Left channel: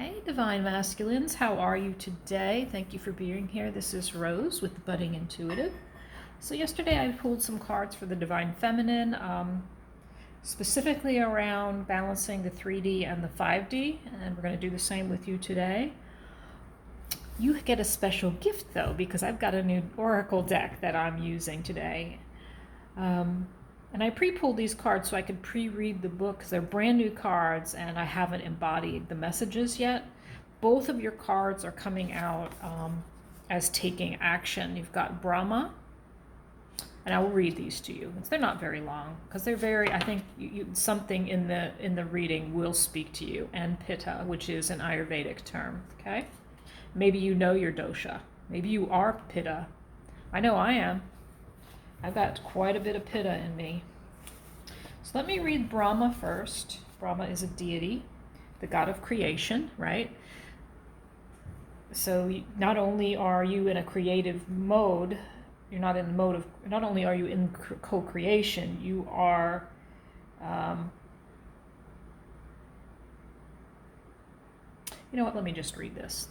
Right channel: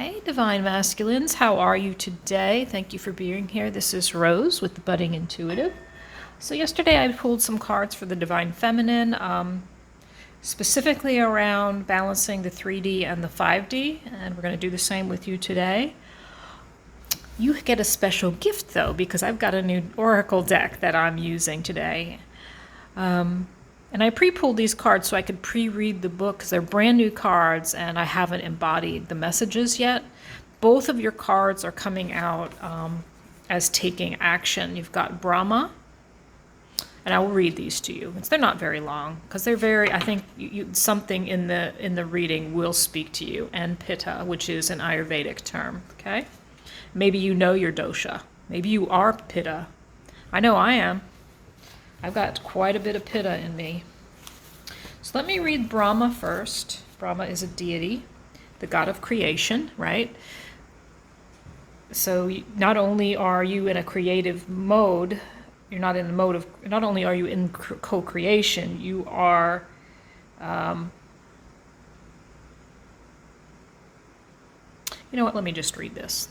Hey, Divine Masculines, how are you today? Thank you for being here. This is Rose with the Budding Intuitive. So yesterday I pulled some cards for the Divine Feminine, specifically around balancing the 3D and the 5D, and we're going to do the same with you today. You get a special gift though, because I've got a new Oracle deck that I'm using today. And I pre-pulled these cards so I could pre-read the book because they're brand new cards and I haven't embodied the messages yet. Both of your cards are coming out as taking action. You've got Brahma, and I will read these to you. They're not very long because they're very, I think something in the reading will speak to you. And Pitta, which is an Ayurvedic term, okay? Maybe you know your dosha. Maybe you are Pitta. I know I am. I've got quite a bit of Pitta in me. So let me read Brahma first. Brahma is a deity, the god of creation, right? So not only are you in a creative mode, you're not in the mode of, not only are you in co-creation, you are you know what, let me just read this.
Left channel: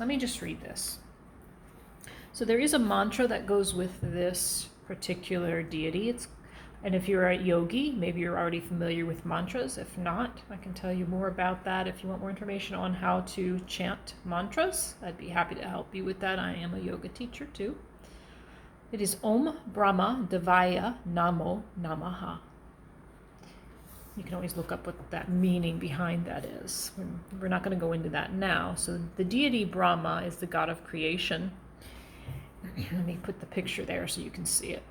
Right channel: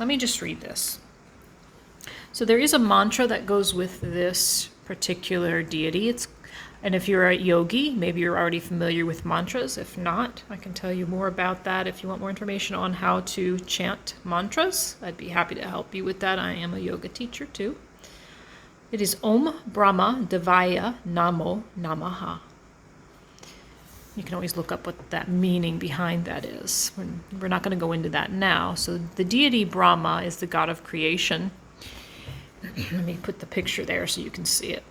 So there is a mantra that goes with this particular deity. And if you're a yogi, maybe you're already familiar with mantras. If not, I can tell you more about that. If you want more information on how to chant mantras, I'd be happy to help you with that. I am a yoga teacher too. It is Om Brahma Devaya Namo Namaha. You can always look up what that meaning behind that is. We're not going to go into that now. So the deity Brahma is the god of creation. Let me put the picture there so you can see it.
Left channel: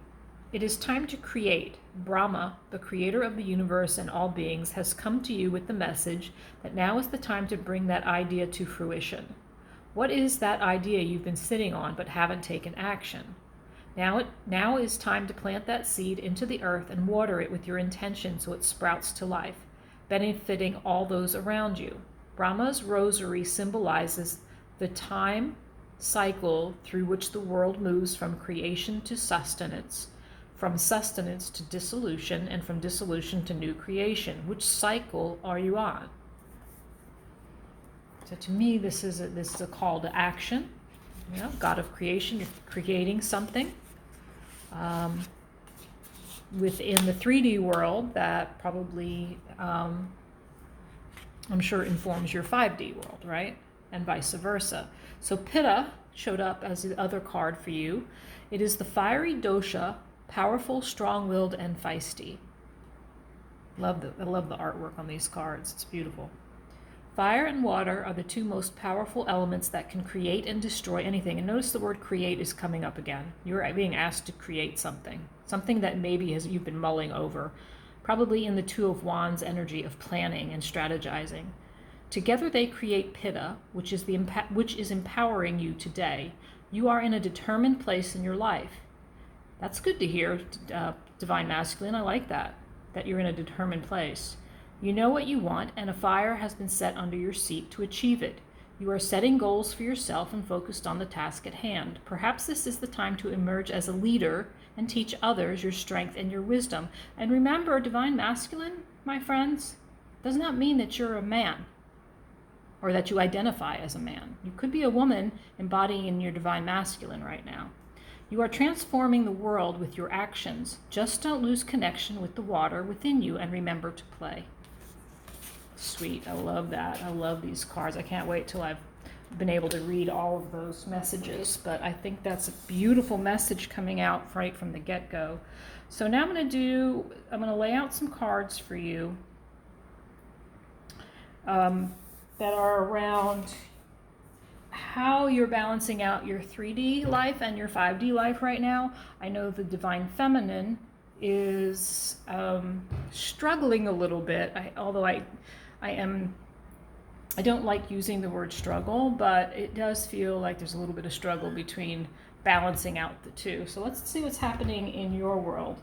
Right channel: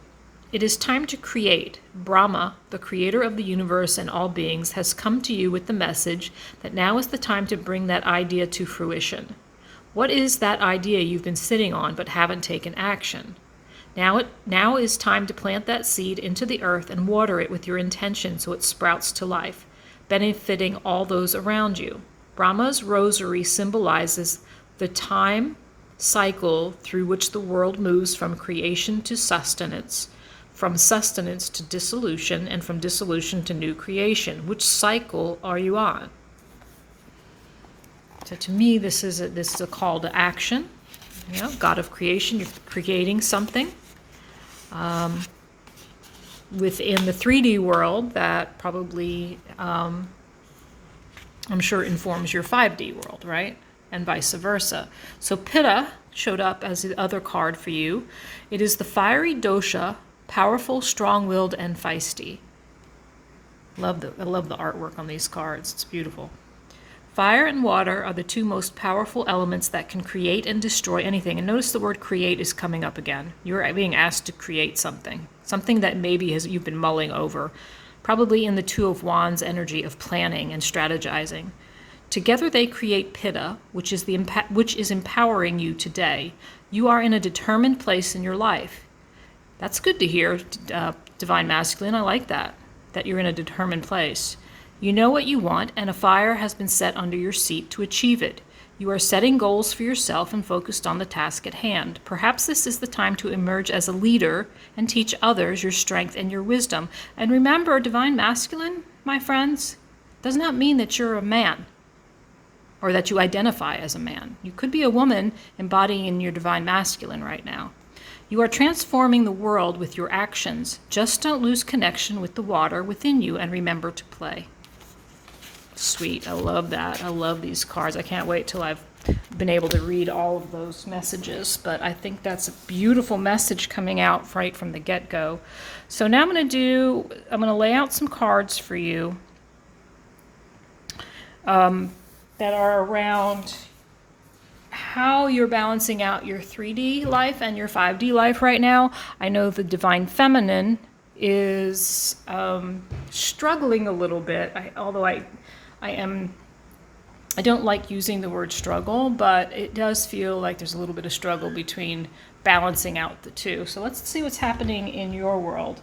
It is time to create. Brahma, the creator of the universe and all beings, has come to you with the message that now is the time to bring that idea to fruition. What is that idea you've been sitting on but haven't taken action? Now is time to plant that seed into the earth and water it with your intention so it sprouts to life, benefiting all those around you. Brahma's rosary symbolizes the time cycle through which the world moves from creation to sustenance, from sustenance to dissolution, and from dissolution to new creation. Which cycle are you on? So to me, this is a call to action. You know, God of creation, you're creating something within the 3D world that probably, I'm sure, informs your 5D world, right? And vice versa. So Pitta showed up as the other card for you. It is the fiery dosha, powerful, strong-willed, and feisty. I love the artwork on these cards. It's beautiful. Fire and water are the two most powerful elements that can create and destroy anything. And notice the word create is coming up again. You're being asked to create something that maybe you've been mulling over, probably in the Two of Wands energy of planning and strategizing. Together they create Pitta, which is empowering you today. You are in a determined place in your life. That's good to hear, Divine Masculine. I like that you're in a determined place. You know what you want, and a fire has been set under your seat to achieve it. You are setting goals for yourself and focused on the task at hand. Perhaps this is the time to emerge as a leader and teach others your strength and your wisdom. And remember, Divine Masculine, my friends, does not mean that you're a man, or that you identify as a man. You could be a woman embodying your Divine Masculine right now. You are transforming the world with your actions. Just don't lose connection with the water within you and remember to play. Sweet, I love that. I love these cards. I can't wait till I've been able to read all of those messages, but I think that's a beautiful message coming out right from the get-go. So now I'm going to lay out some cards for you that are around how you're balancing out your 3D life and your 5D life right now. I know the Divine Feminine is struggling a little bit, although I don't like using the word struggle, but it does feel like there's a little bit of struggle between balancing out the two. So let's see what's happening in your world.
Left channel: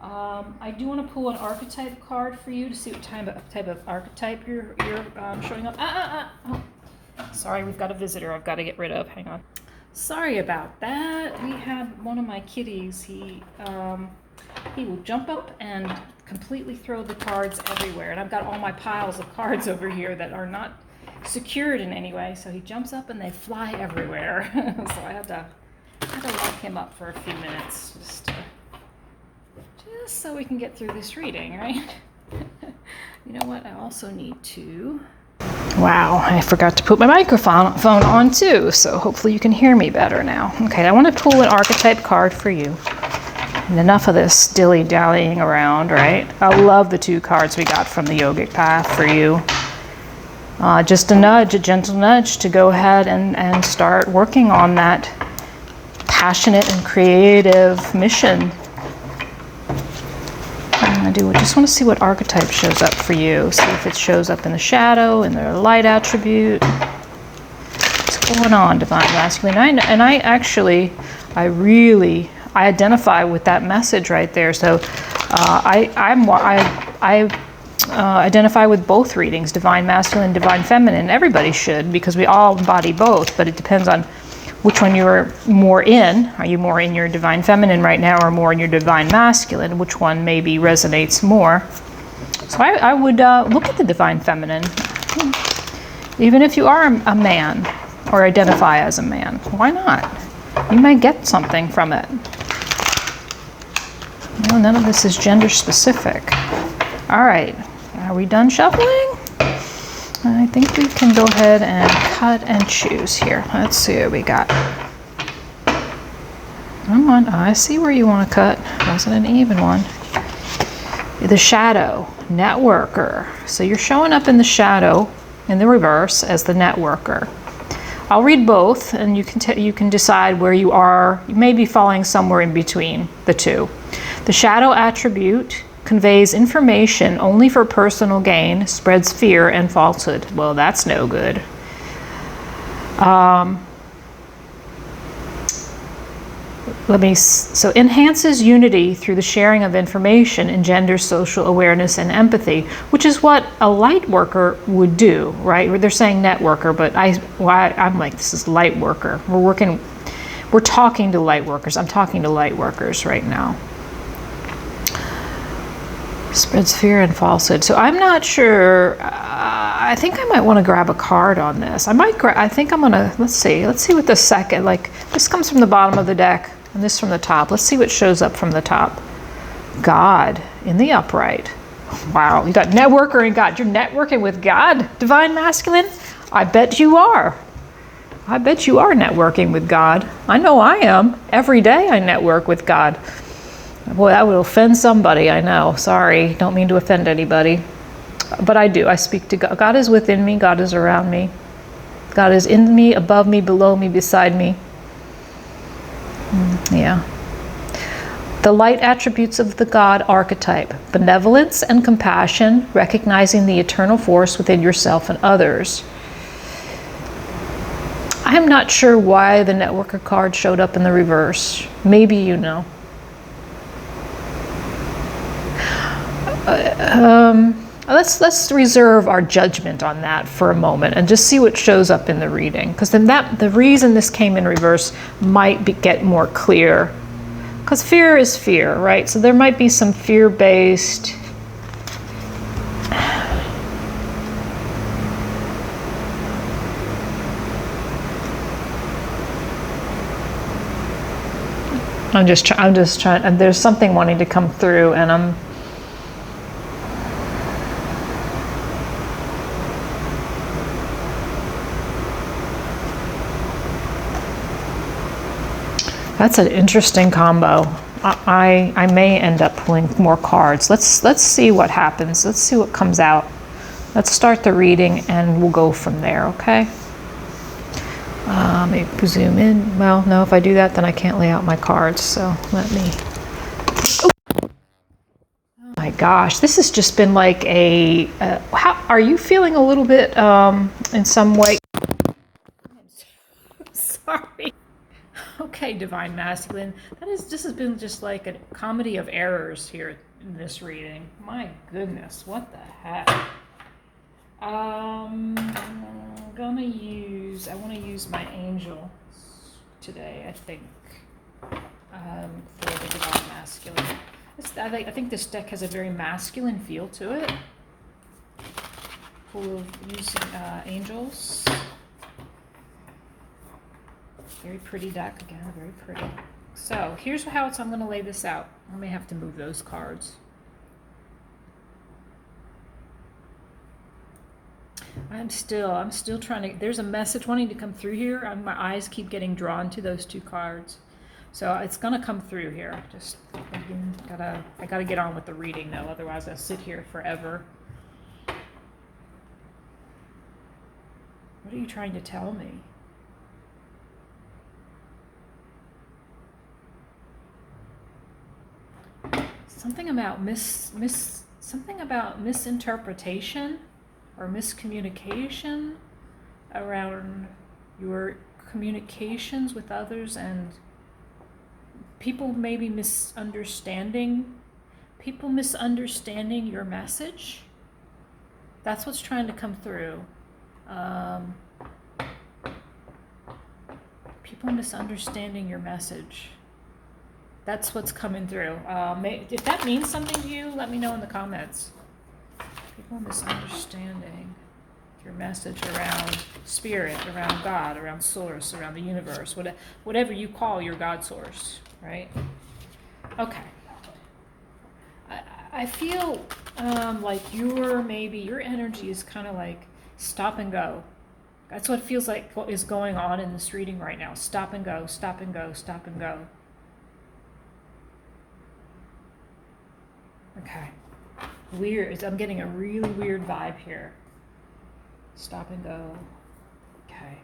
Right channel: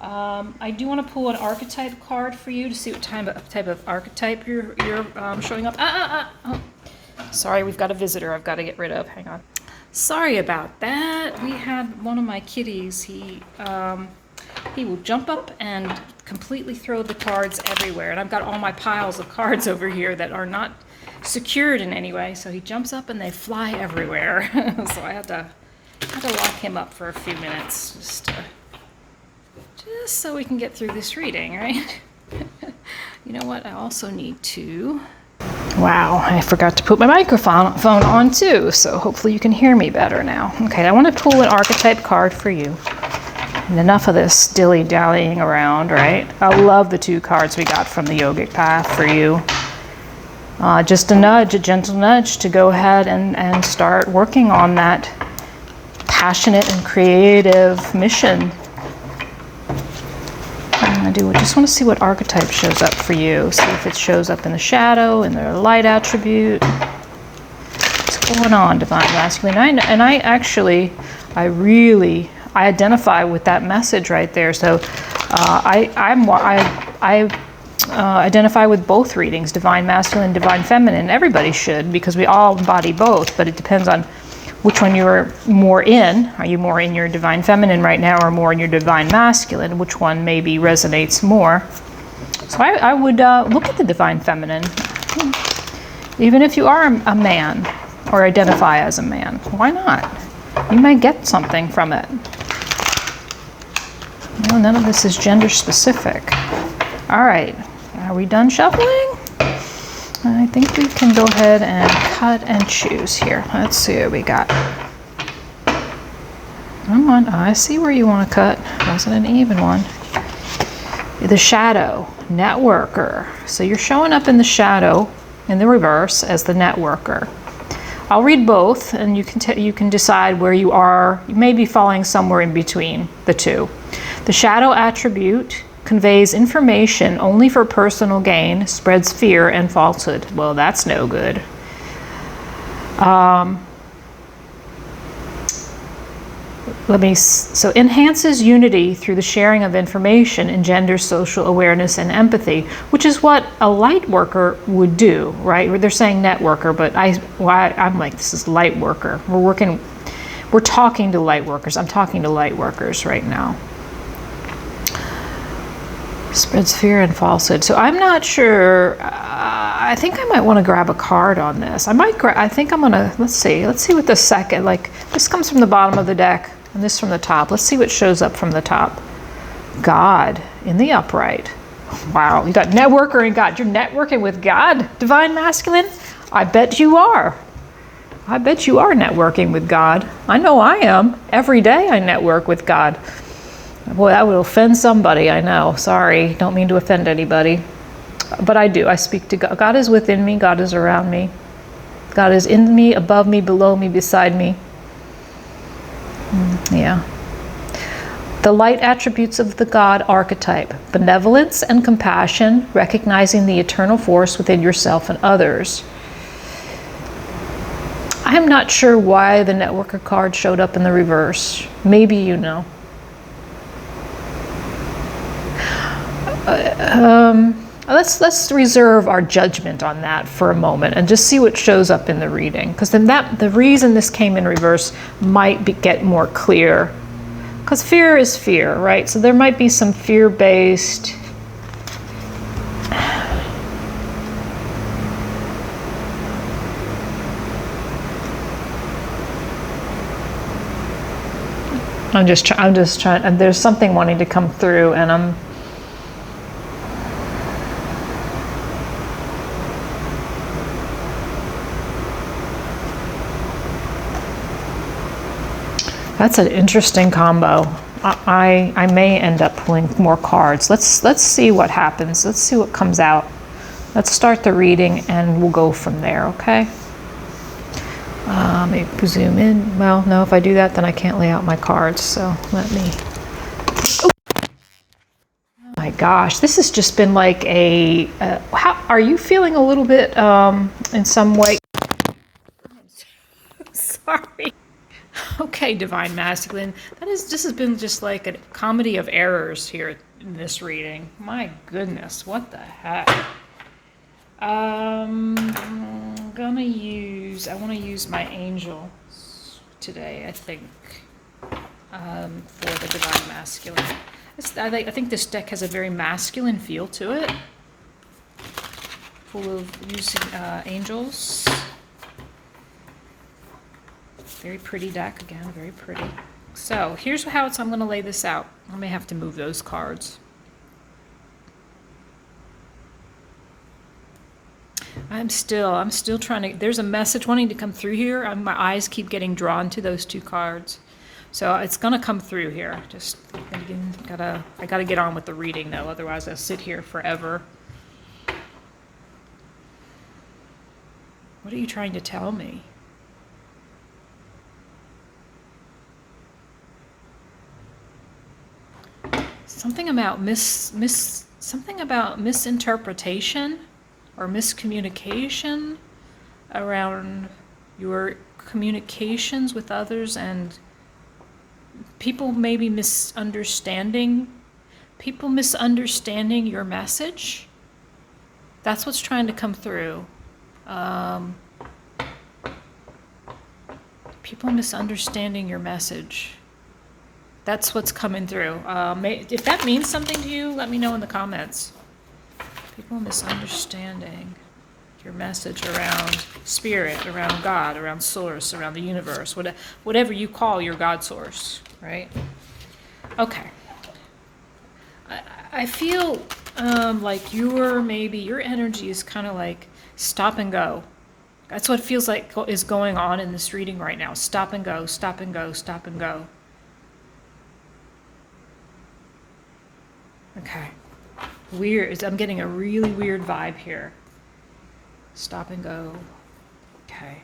I do want to pull an archetype card for you to see what type of archetype you're showing up. Oh. Sorry, we've got a visitor I've got to get rid of. Hang on. Sorry about that. We had one of my kitties. He will jump up and completely throw the cards everywhere. And I've got all my piles of cards over here that are not secured in any way. So he jumps up and they fly everywhere. So I had to lock him up for a few minutes just so we can get through this reading, right? You know what? I also need to... Wow, I forgot to put my microphone on too, so hopefully you can hear me better now. Okay, I want to pull an archetype card for you. And enough of this dilly-dallying around, right? I love the 2 cards we got from the yogic path for you. Just a nudge, a gentle nudge to go ahead and start working on that passionate and creative mission. I just want to see what archetype shows up for you. See if it shows up in the shadow, in the light attribute. What's going on, Divine Masculine? I identify with that message right there. So I identify with both readings, Divine Masculine, Divine Feminine. Everybody should, because we all embody both, but it depends on which one you're more in. Are you more in your Divine Feminine right now or more in your Divine Masculine? Which one maybe resonates more? So I would look at the Divine Feminine. Even if you are a man or identify as a man, why not? You may get something from it. Well, none of this is gender specific. All right, are we done shuffling? I think we can go ahead and cut and choose here. Let's see what we got. Come on, I see where you want to cut. Wasn't an even one. The shadow, networker. So you're showing up in the shadow, in the reverse, as the networker. I'll read both, and you can decide where you are. You may be falling somewhere in between the two. The shadow attribute conveys information only for personal gain, spreads fear and falsehood. Well, that's no good. So enhances unity through the sharing of information, engenders social awareness and empathy, which is what a light worker would do, right? They're saying networker, but I'm like, this is light worker. We're talking to light workers. I'm talking to light workers right now. Spreads fear and falsehood. So I'm not sure. I think I might want to grab a card on this. I think I'm gonna. Let's see what the second. Like, this comes from the bottom of the deck, and this from the top. Let's see what shows up from the top. God in the upright. Wow, you got networker and God. You're networking with God, Divine Masculine. I bet you are. I bet you are networking with God. I know I am. Every day I network with God. Boy, that would offend somebody, I know. Sorry, don't mean to offend anybody. But I do. I speak to God. God is within me. God is around me. God is in me, above me, below me, beside me. Yeah. The light attributes of the God archetype: benevolence and compassion, recognizing the eternal force within yourself and others. I'm not sure why the networker card showed up in the reverse. Maybe you know. Let's reserve our judgment on that for a moment and just see what shows up in the reading, because then the reason this came in reverse might get more clear, because fear is fear, right? So there might be some fear-based I'm just trying, and there's something wanting to come through, and that's an interesting combo. I may end up pulling more cards. Let's see what happens. Let's see what comes out. Let's start the reading and we'll go from there, okay? Maybe zoom in. Well, no, if I do that, then I can't lay out my cards. So let me. Oh my gosh, this has just been like a. How are you feeling? A little bit in some way. Sorry. Okay, Divine Masculine. This has been just like a comedy of errors here in this reading. My goodness, what the heck? I'm gonna use. I want to use my angels today. I think for the Divine Masculine. I think this deck has a very masculine feel to it. full of using angels. Very pretty deck again, very pretty. So here's how I'm going to lay this out. I may have to move those cards. I'm still trying to, there's a message wanting to come through here. My eyes keep getting drawn to those two cards. So it's going to come through here. Just thinking, I gotta get on with the reading though, otherwise I'll sit here forever. What are you trying to tell me? Something about something about misinterpretation or miscommunication around your communications with others, and people maybe misunderstanding your message. That's what's trying to come through. People misunderstanding your message. That's what's coming through. If that means something to you, let me know in the comments. People misunderstanding your message around spirit, around God, around source, around the universe, whatever you call your God source, right? Okay. I feel like your energy is kind of like stop and go. That's what it feels like is going on in this reading right now. Stop and go, stop and go, stop and go. Okay. Weird. I'm getting a really weird vibe here. Stop and go. Okay.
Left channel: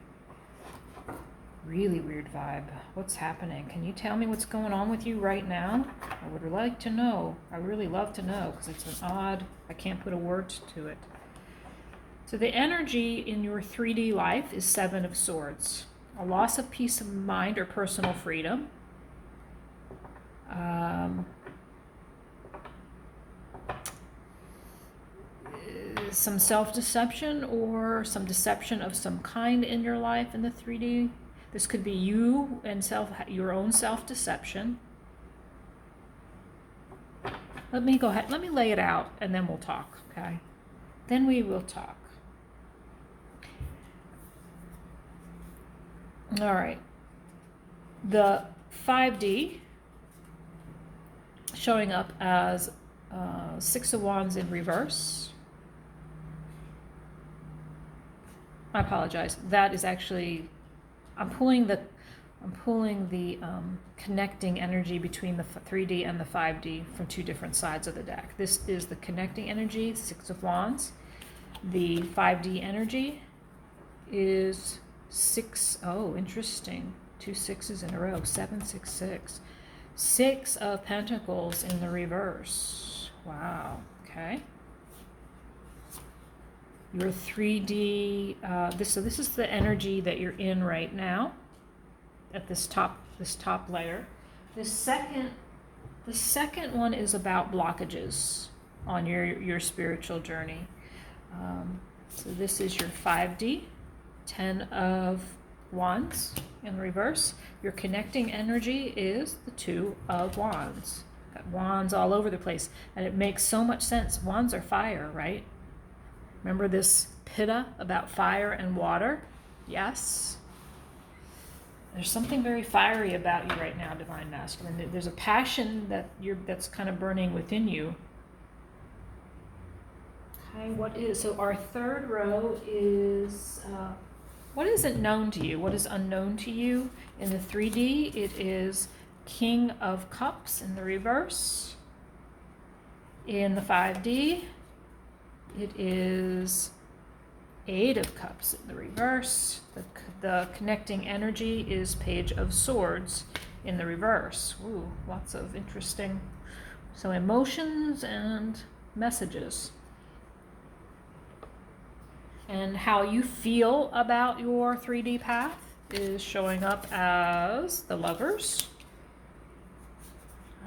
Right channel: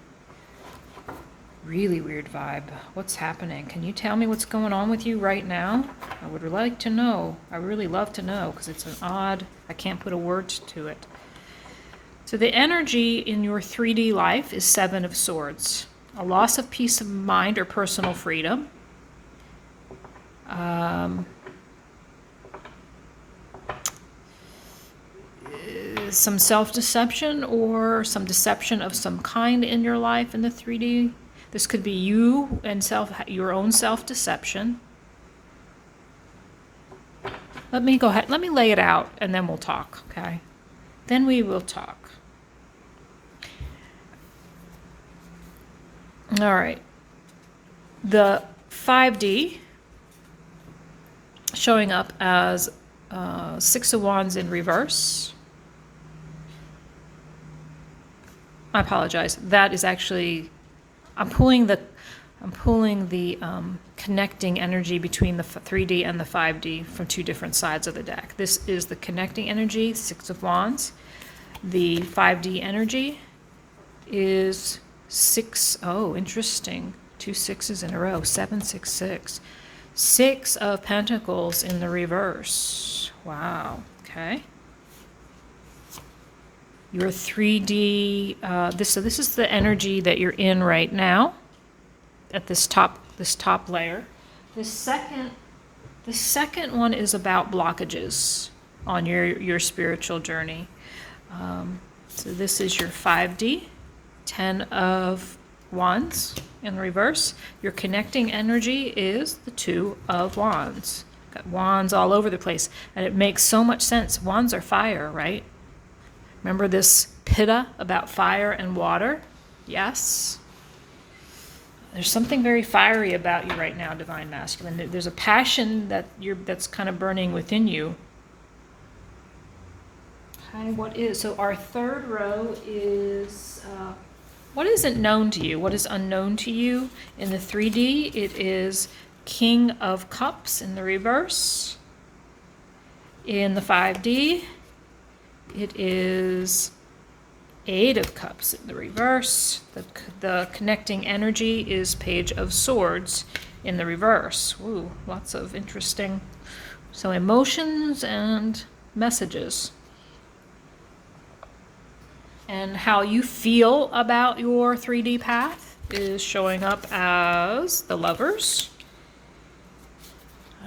Really weird vibe. What's happening? Can you tell me what's going on with you right now? I would like to know. I really love to know because it's an odd, I can't put a word to it. So the energy in your 3D life is 7 of Swords. A loss of peace of mind or personal freedom. Some self-deception or some deception of some kind in your life in the 3D. This could be you and your own self-deception. Let me go ahead. Let me lay it out and then we'll talk, okay? Then we will talk. All right. The 5D showing up as 6 of Wands in reverse. I apologize. That is actually, I'm pulling the connecting energy between the 3D and the 5D from 2 different sides of the deck. This is the connecting energy, 6 of Wands. The 5D energy is 6. Oh, interesting. 2 6s in a row. 7 6 6. 6 of Pentacles in the reverse. Wow. Okay. Your 3D, this is the energy that you're in right now at this top layer. The second one is about blockages on your spiritual journey. So this is your 5D, 10 of Wands in reverse. Your connecting energy is the 2 of Wands. Got wands all over the place, and it makes so much sense. Wands are fire, right? Remember this pitta about fire and water? Yes. There's something very fiery about you right now, Divine Masculine. There's a passion that's kind of burning within you. Okay, so our third row is, what isn't known to you? What is unknown to you? In the 3D, it is King of Cups in the reverse. In the 5D, it is 8 of Cups in the reverse. The connecting energy is Page of Swords in the reverse. Ooh, lots of interesting. So emotions and messages. And how you feel about your 3D path is showing up as the Lovers.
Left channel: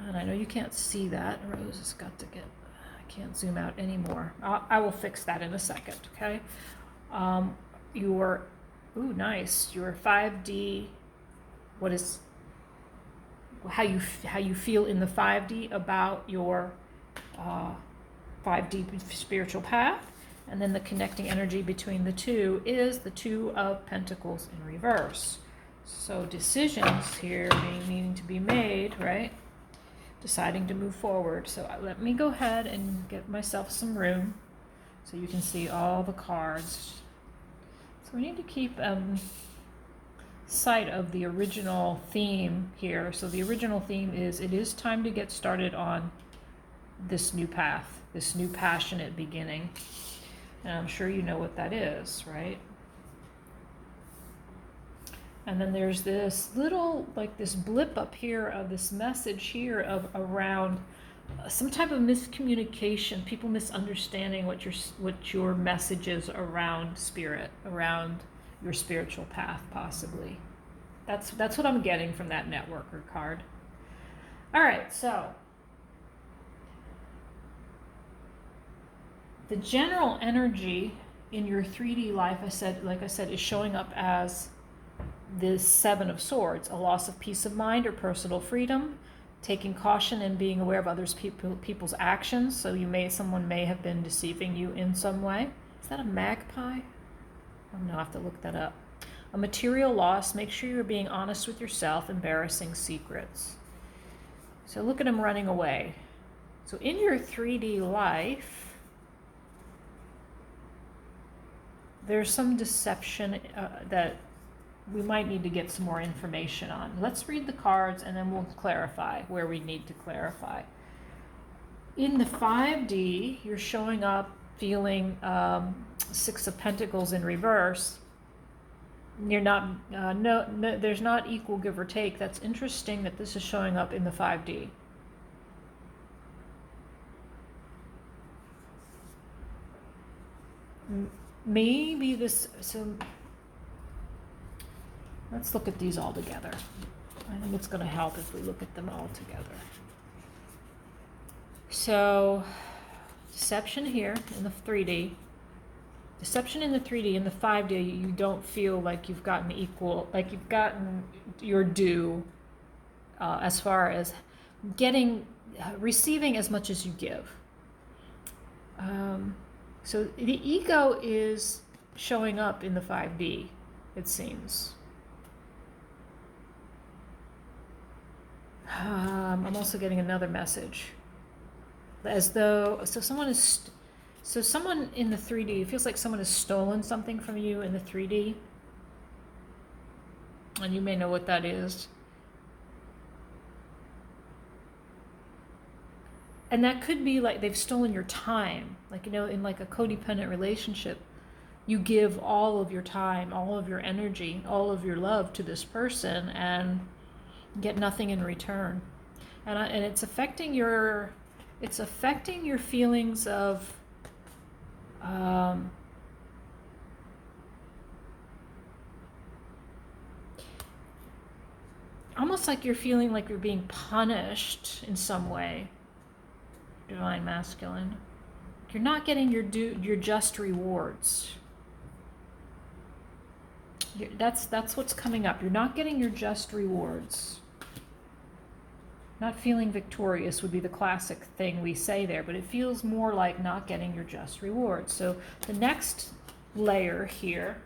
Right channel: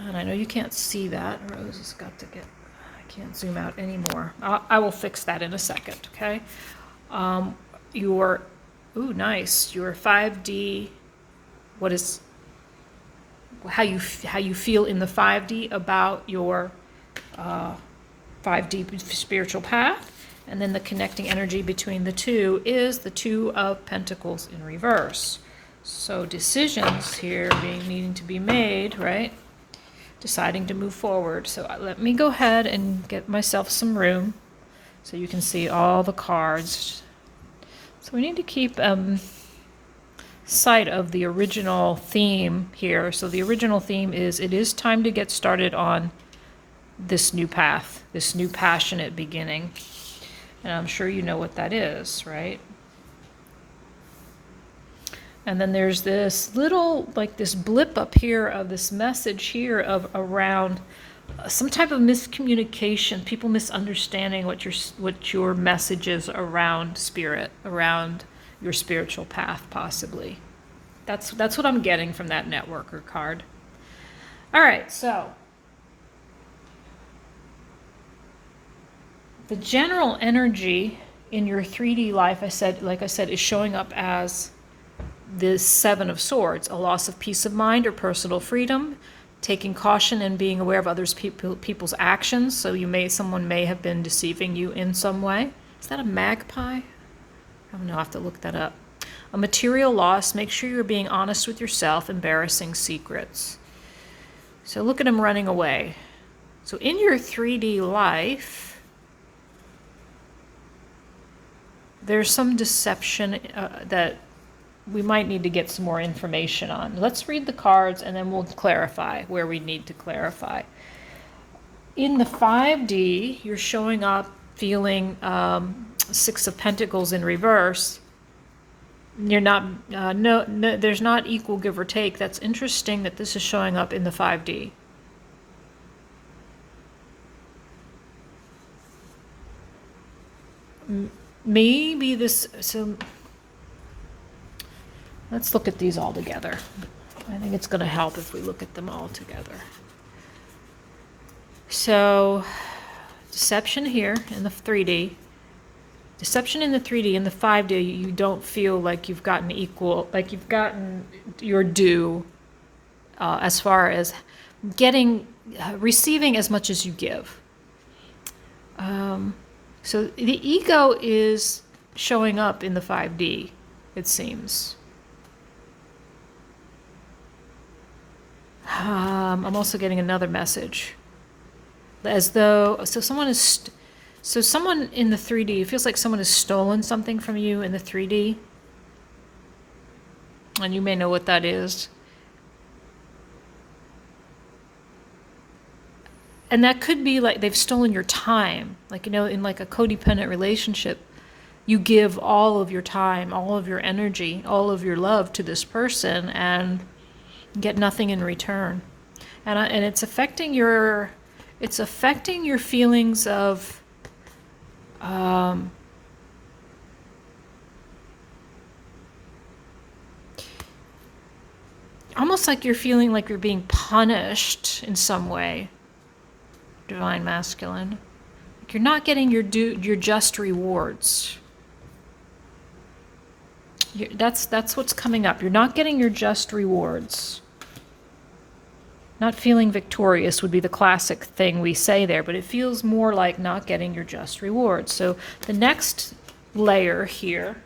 And I know you can't see that. Rose has got to get... Can't zoom out anymore. I will fix that in a second, okay? Ooh, nice. Your 5D, how you feel in the 5D about your 5D spiritual path, And then the connecting energy between the two is the Two of Pentacles in reverse. So decisions here needing to be made, right? Deciding to move forward. So let me go ahead and get myself some room so you can see all the cards. So we need to keep sight of the original theme here. So the original theme is, it is time to get started on this new path, this new passionate beginning. And I'm sure you know what that is, right? And then there's this little, like this blip up here of this message here of around some type of miscommunication, people misunderstanding what your message is around spirit, around your spiritual path, possibly. That's what I'm getting from that networker card. All right, so the general energy in your 3D life, like I said, is showing up as the Seven of Swords, a loss of peace of mind or personal freedom, taking caution and being aware of others people's actions. So someone may have been deceiving you in some way. Is that a magpie? I don't know, I have to look that up. A material loss, make sure you're being honest with yourself, embarrassing secrets. So look at him running away. So in your 3D life, there's some deception that we might need to get some more information on. Let's read the cards and then we'll clarify where we need to clarify. In the 5D, you're showing up feeling Six of Pentacles in reverse. You're not, there's not equal give or take. That's interesting that this is showing up in the 5D. Maybe this, so let's look at these all together. I think it's going to help if we look at them all together. So, deception here in the 3D. Deception in the 3D. In the 5D, you don't feel like you've gotten equal, like you've gotten your due as far as receiving as much as you give. So the ego is showing up in the 5D, it seems. I'm also getting another message. As though, someone in the 3D, it feels like someone has stolen something from you in the 3D. And you may know what that is. And that could be like they've stolen your time. Like, in like a codependent relationship, you give all of your time, all of your energy, all of your love to this person and get nothing in return. And it's affecting your feelings of almost like you're feeling like you're being punished in some way. Divine Masculine. Like you're not getting your just rewards. That's what's coming up. You're not getting your just rewards. Not feeling victorious would be the classic thing we say there, but it feels more like not getting your just rewards. So the next layer here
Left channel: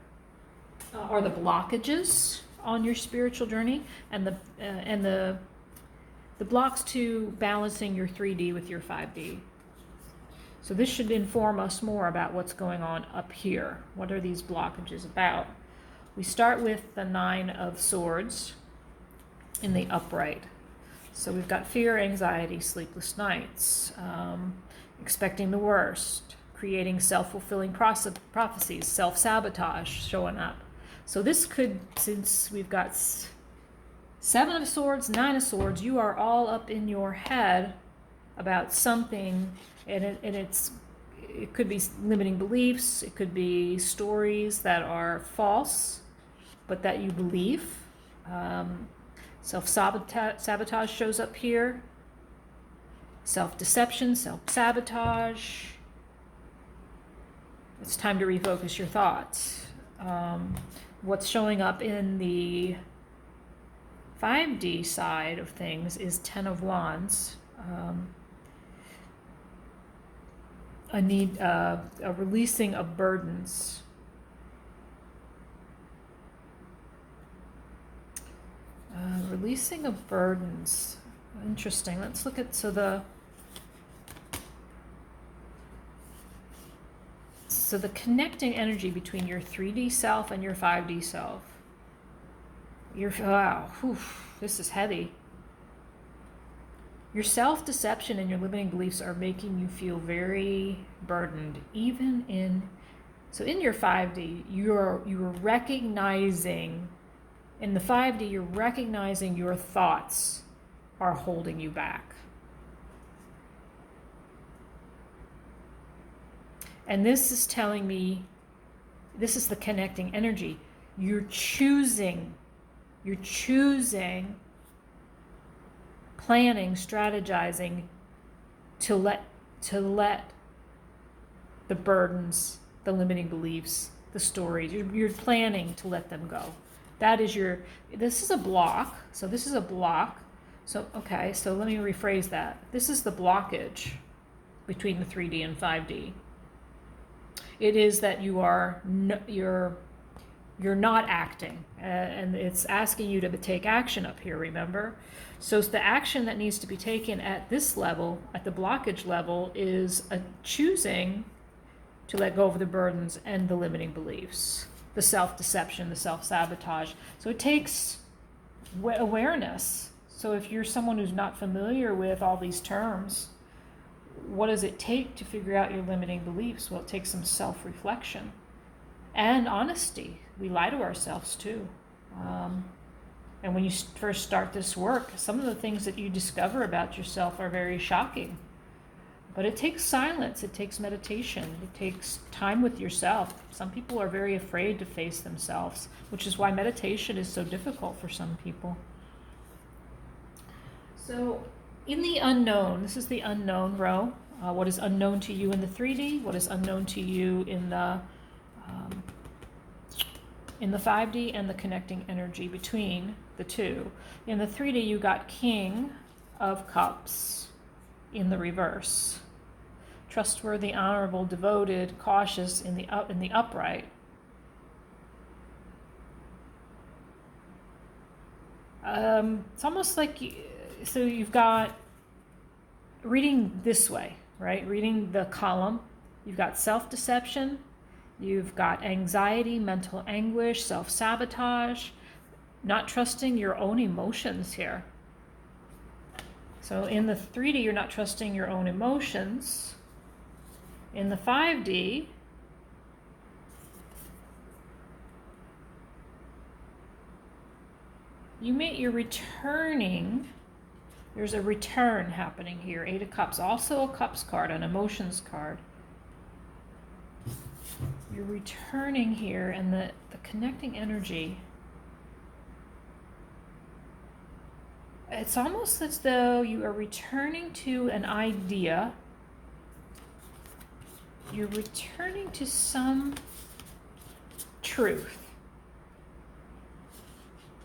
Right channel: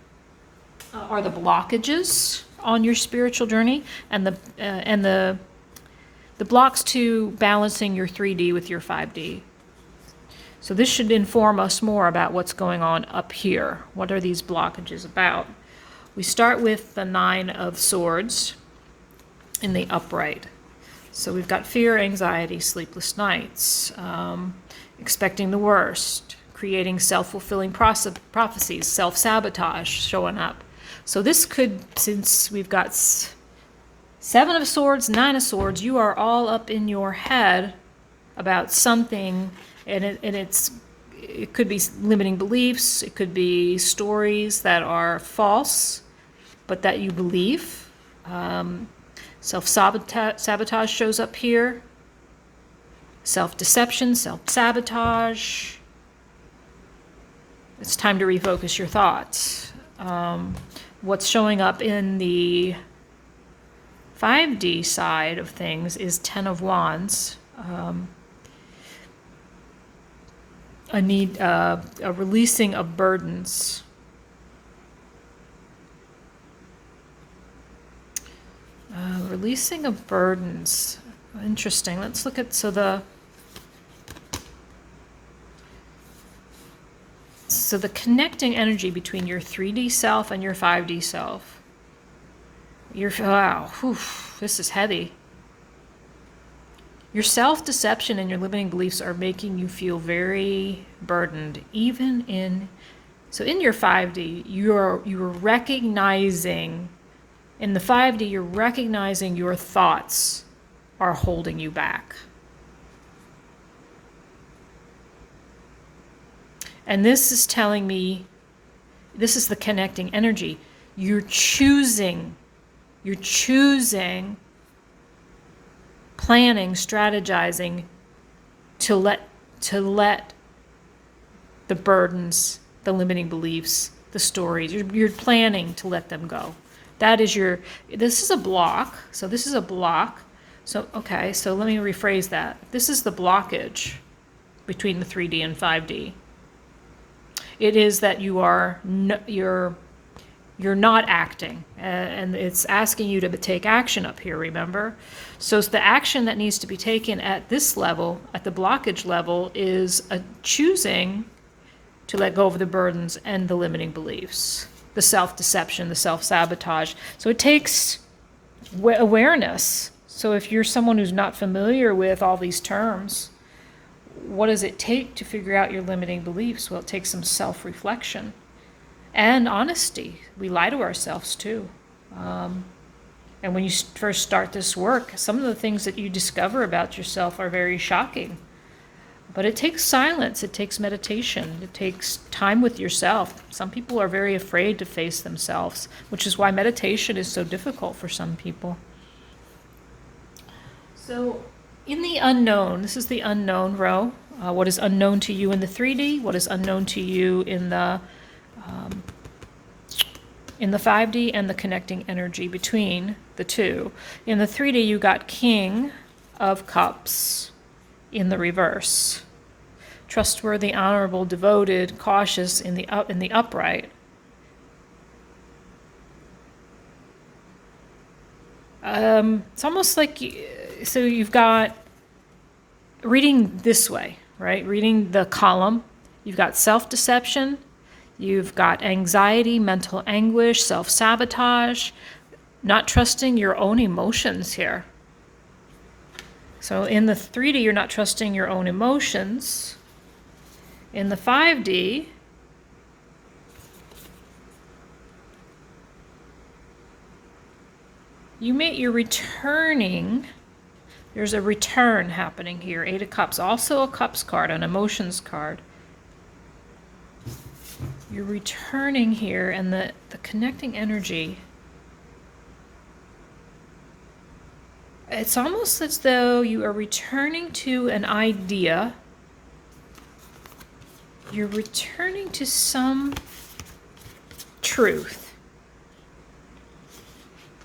are the blockages on your spiritual journey and the blocks to balancing your 3D with your 5D. So this should inform us more about what's going on up here. What are these blockages about? We start with the Nine of Swords in the upright. So we've got fear, anxiety, sleepless nights, expecting the worst, creating self-fulfilling prophecies, self-sabotage showing up. So this could, since we've got Seven of Swords, Nine of Swords, you are all up in your head about something, and it could be limiting beliefs, it could be stories that are false, but that you believe. Self-sabotage shows up here. Self-deception, self-sabotage. It's time to refocus your thoughts. What's showing up in the 5D side of things is Ten of Wands. a releasing of burdens. Releasing of burdens. Interesting. Let's look at, so the connecting energy between your 3D self and your 5D self. Wow, whew, this is heavy. Your self-deception and your limiting beliefs are making you feel very burdened, even in your 5D, you're recognizing, in the 5D, you're recognizing your thoughts are holding you back. And this is telling me, this is the connecting energy. You're choosing, planning, strategizing to let the burdens, the limiting beliefs, the stories, you're planning to let them go. That is this is a block. So this is a block. So, okay, so let me rephrase that. This is the blockage between the 3D and 5D. It is that you're not acting, and it's asking you to take action up here, remember? So it's the action that needs to be taken at this level, at the blockage level, is a choosing to let go of the burdens and the limiting beliefs, the self-deception, the self-sabotage. So it takes awareness. So if you're someone who's not familiar with all these terms, what does it take to figure out your limiting beliefs? Well, it takes some self-reflection and honesty. We lie to ourselves too. And when you first start this work, some of the things that you discover about yourself are very shocking. But it takes silence, it takes meditation, it takes time with yourself. Some people are very afraid to face themselves, which is why meditation is so difficult for some people. So in the unknown, this is the unknown row. What is unknown to you in the 3D? What is unknown to you in the 5D, and the connecting energy between the two. In the 3D, you got King of Cups in the reverse. Trustworthy, honorable, devoted, cautious in the upright. It's almost like, so you've got reading this way, right? Reading the column, you've got self-deception, you've got anxiety, mental anguish, self-sabotage, not trusting your own emotions here. So in the 3D, you're not trusting your own emotions. In the 5D, you're returning. There's a return happening here. 8 of Cups, also a Cups card, an emotions card. You're returning here, and the connecting energy, it's almost as though you are returning to an idea. You're returning to some truth.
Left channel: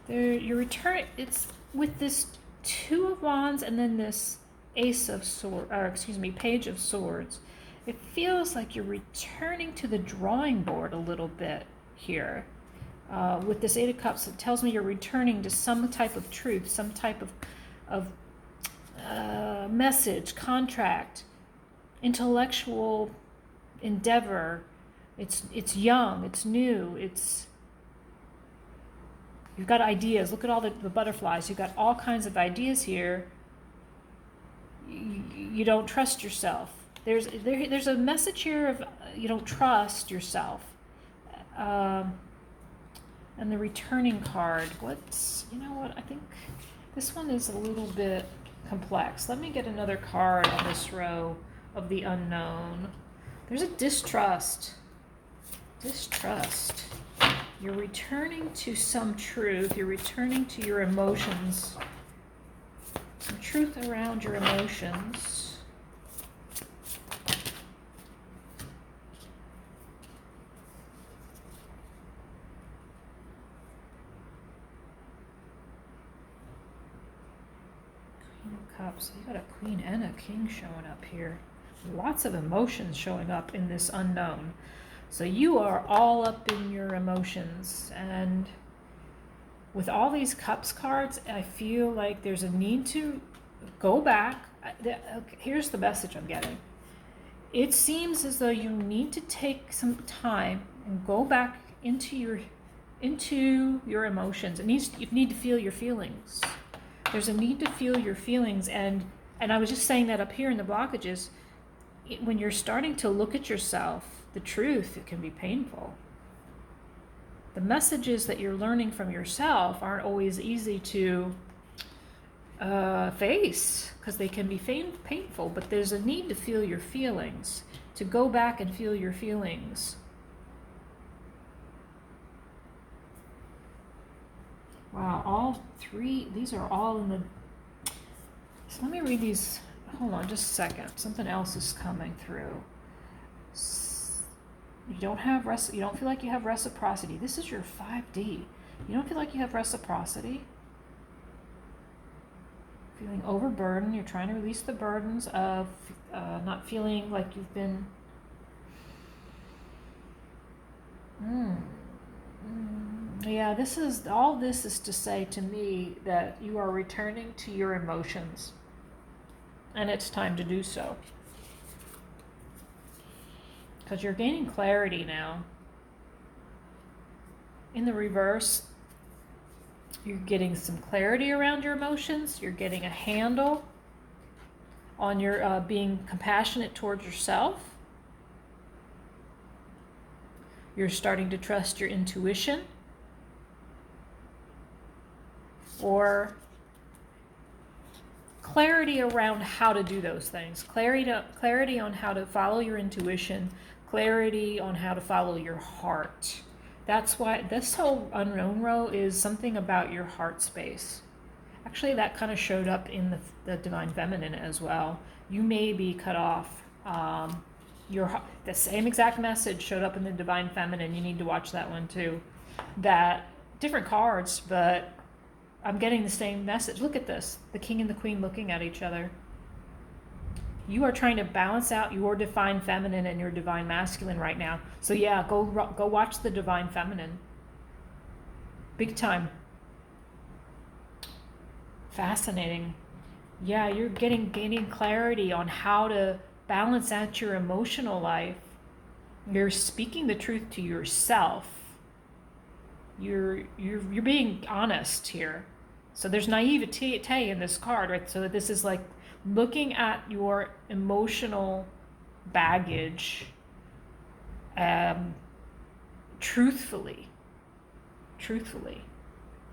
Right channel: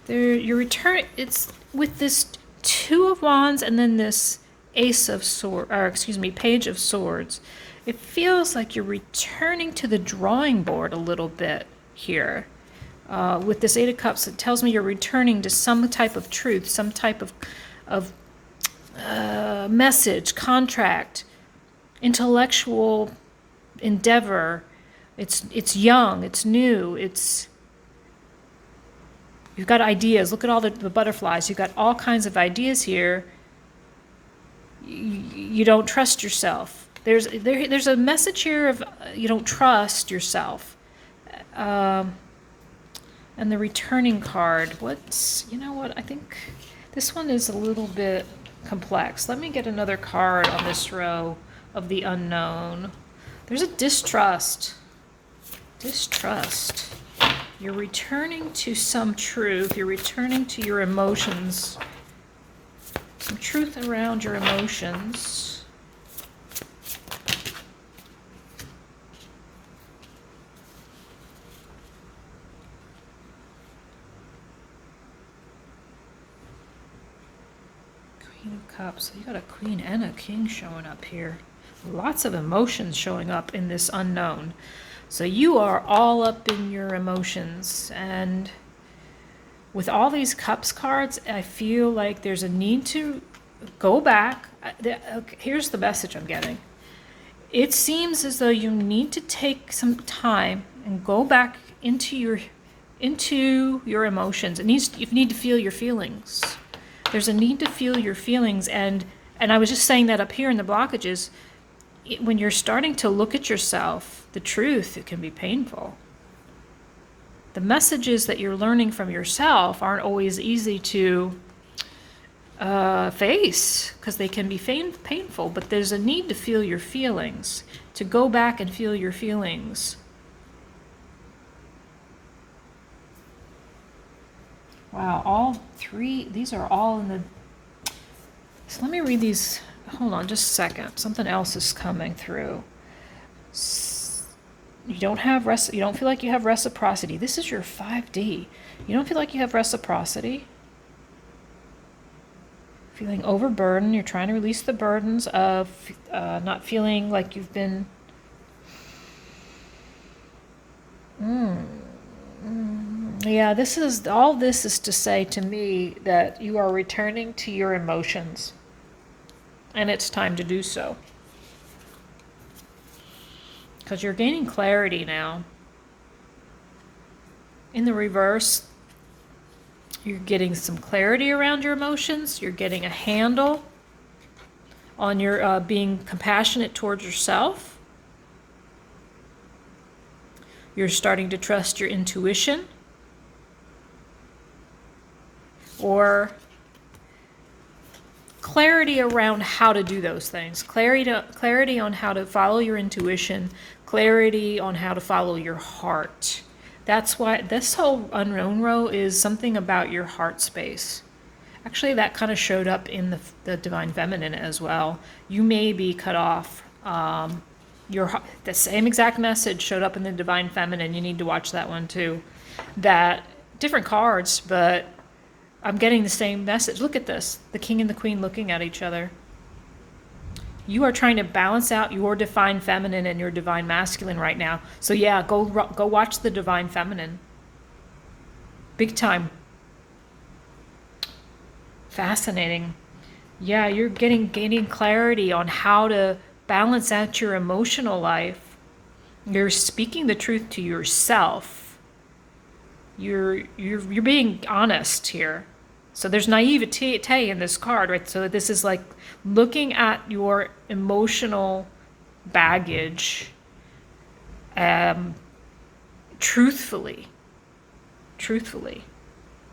You're returning, it's with this 2 of Wands and then this Page of Swords. It feels like you're returning to the drawing board a little bit here. With this 8 of Cups, it tells me you're returning to some type of truth, some type of message, contract, intellectual endeavor. It's young, it's new, you've got ideas. Look at all the butterflies. You've got all kinds of ideas here. You don't trust yourself. There's a message here of you don't trust yourself. And the returning card, you know what, I think this one is a little bit complex. Let me get another card on this row of the unknown. There's a distrust. You're returning to some truth. You're returning to your emotions. Some truth around your emotions. Queen of Cups. You got a Queen and a King showing up here. Lots of emotions showing up in this unknown. So you are all up in your emotions. And with all these cups cards, I feel like there's a need to go back. Here's the message I'm getting. It seems as though you need to take some time and go back into your emotions. You need to feel your feelings. There's a need to feel your feelings, and I was just saying that up here in the blockages. When you're starting to look at yourself, the truth, it can be painful. The messages that you're learning from yourself aren't always easy to face, because they can be painful, but there's a need to feel your feelings, to go back and feel your feelings. Wow, all three, these are all in the, so let me read these. Hold on just a second. Something else is coming through. You don't feel like you have reciprocity. This is your 5D. You don't feel like you have reciprocity. Feeling overburdened. You're trying to release the burdens of not feeling like you've been... Yeah, this is to say to me that you are returning to your emotions. And it's time to do so. Because you're gaining clarity now. In the reverse, you're getting some clarity around your emotions. You're getting a handle on your being compassionate towards yourself. You're starting to trust your intuition. Or clarity around how to do those things. Clarity on how to follow your intuition. Clarity on how to follow your heart. That's why this whole unknown row is something about your heart space. Actually, that kind of showed up in the Divine Feminine as well. You may be cut off. The same exact message showed up in the Divine Feminine. You need to watch that one too. That different cards, but I'm getting the same message. Look at this. The King and the Queen looking at each other. You are trying to balance out your Divine Feminine and your Divine Masculine right now. So yeah, go watch the Divine Feminine. Big time. Fascinating. Yeah, you're gaining clarity on how to balance out your emotional life. You're speaking the truth to yourself. You're being honest here. So there's naivete in this card, right? So this is like looking at your emotional baggage truthfully.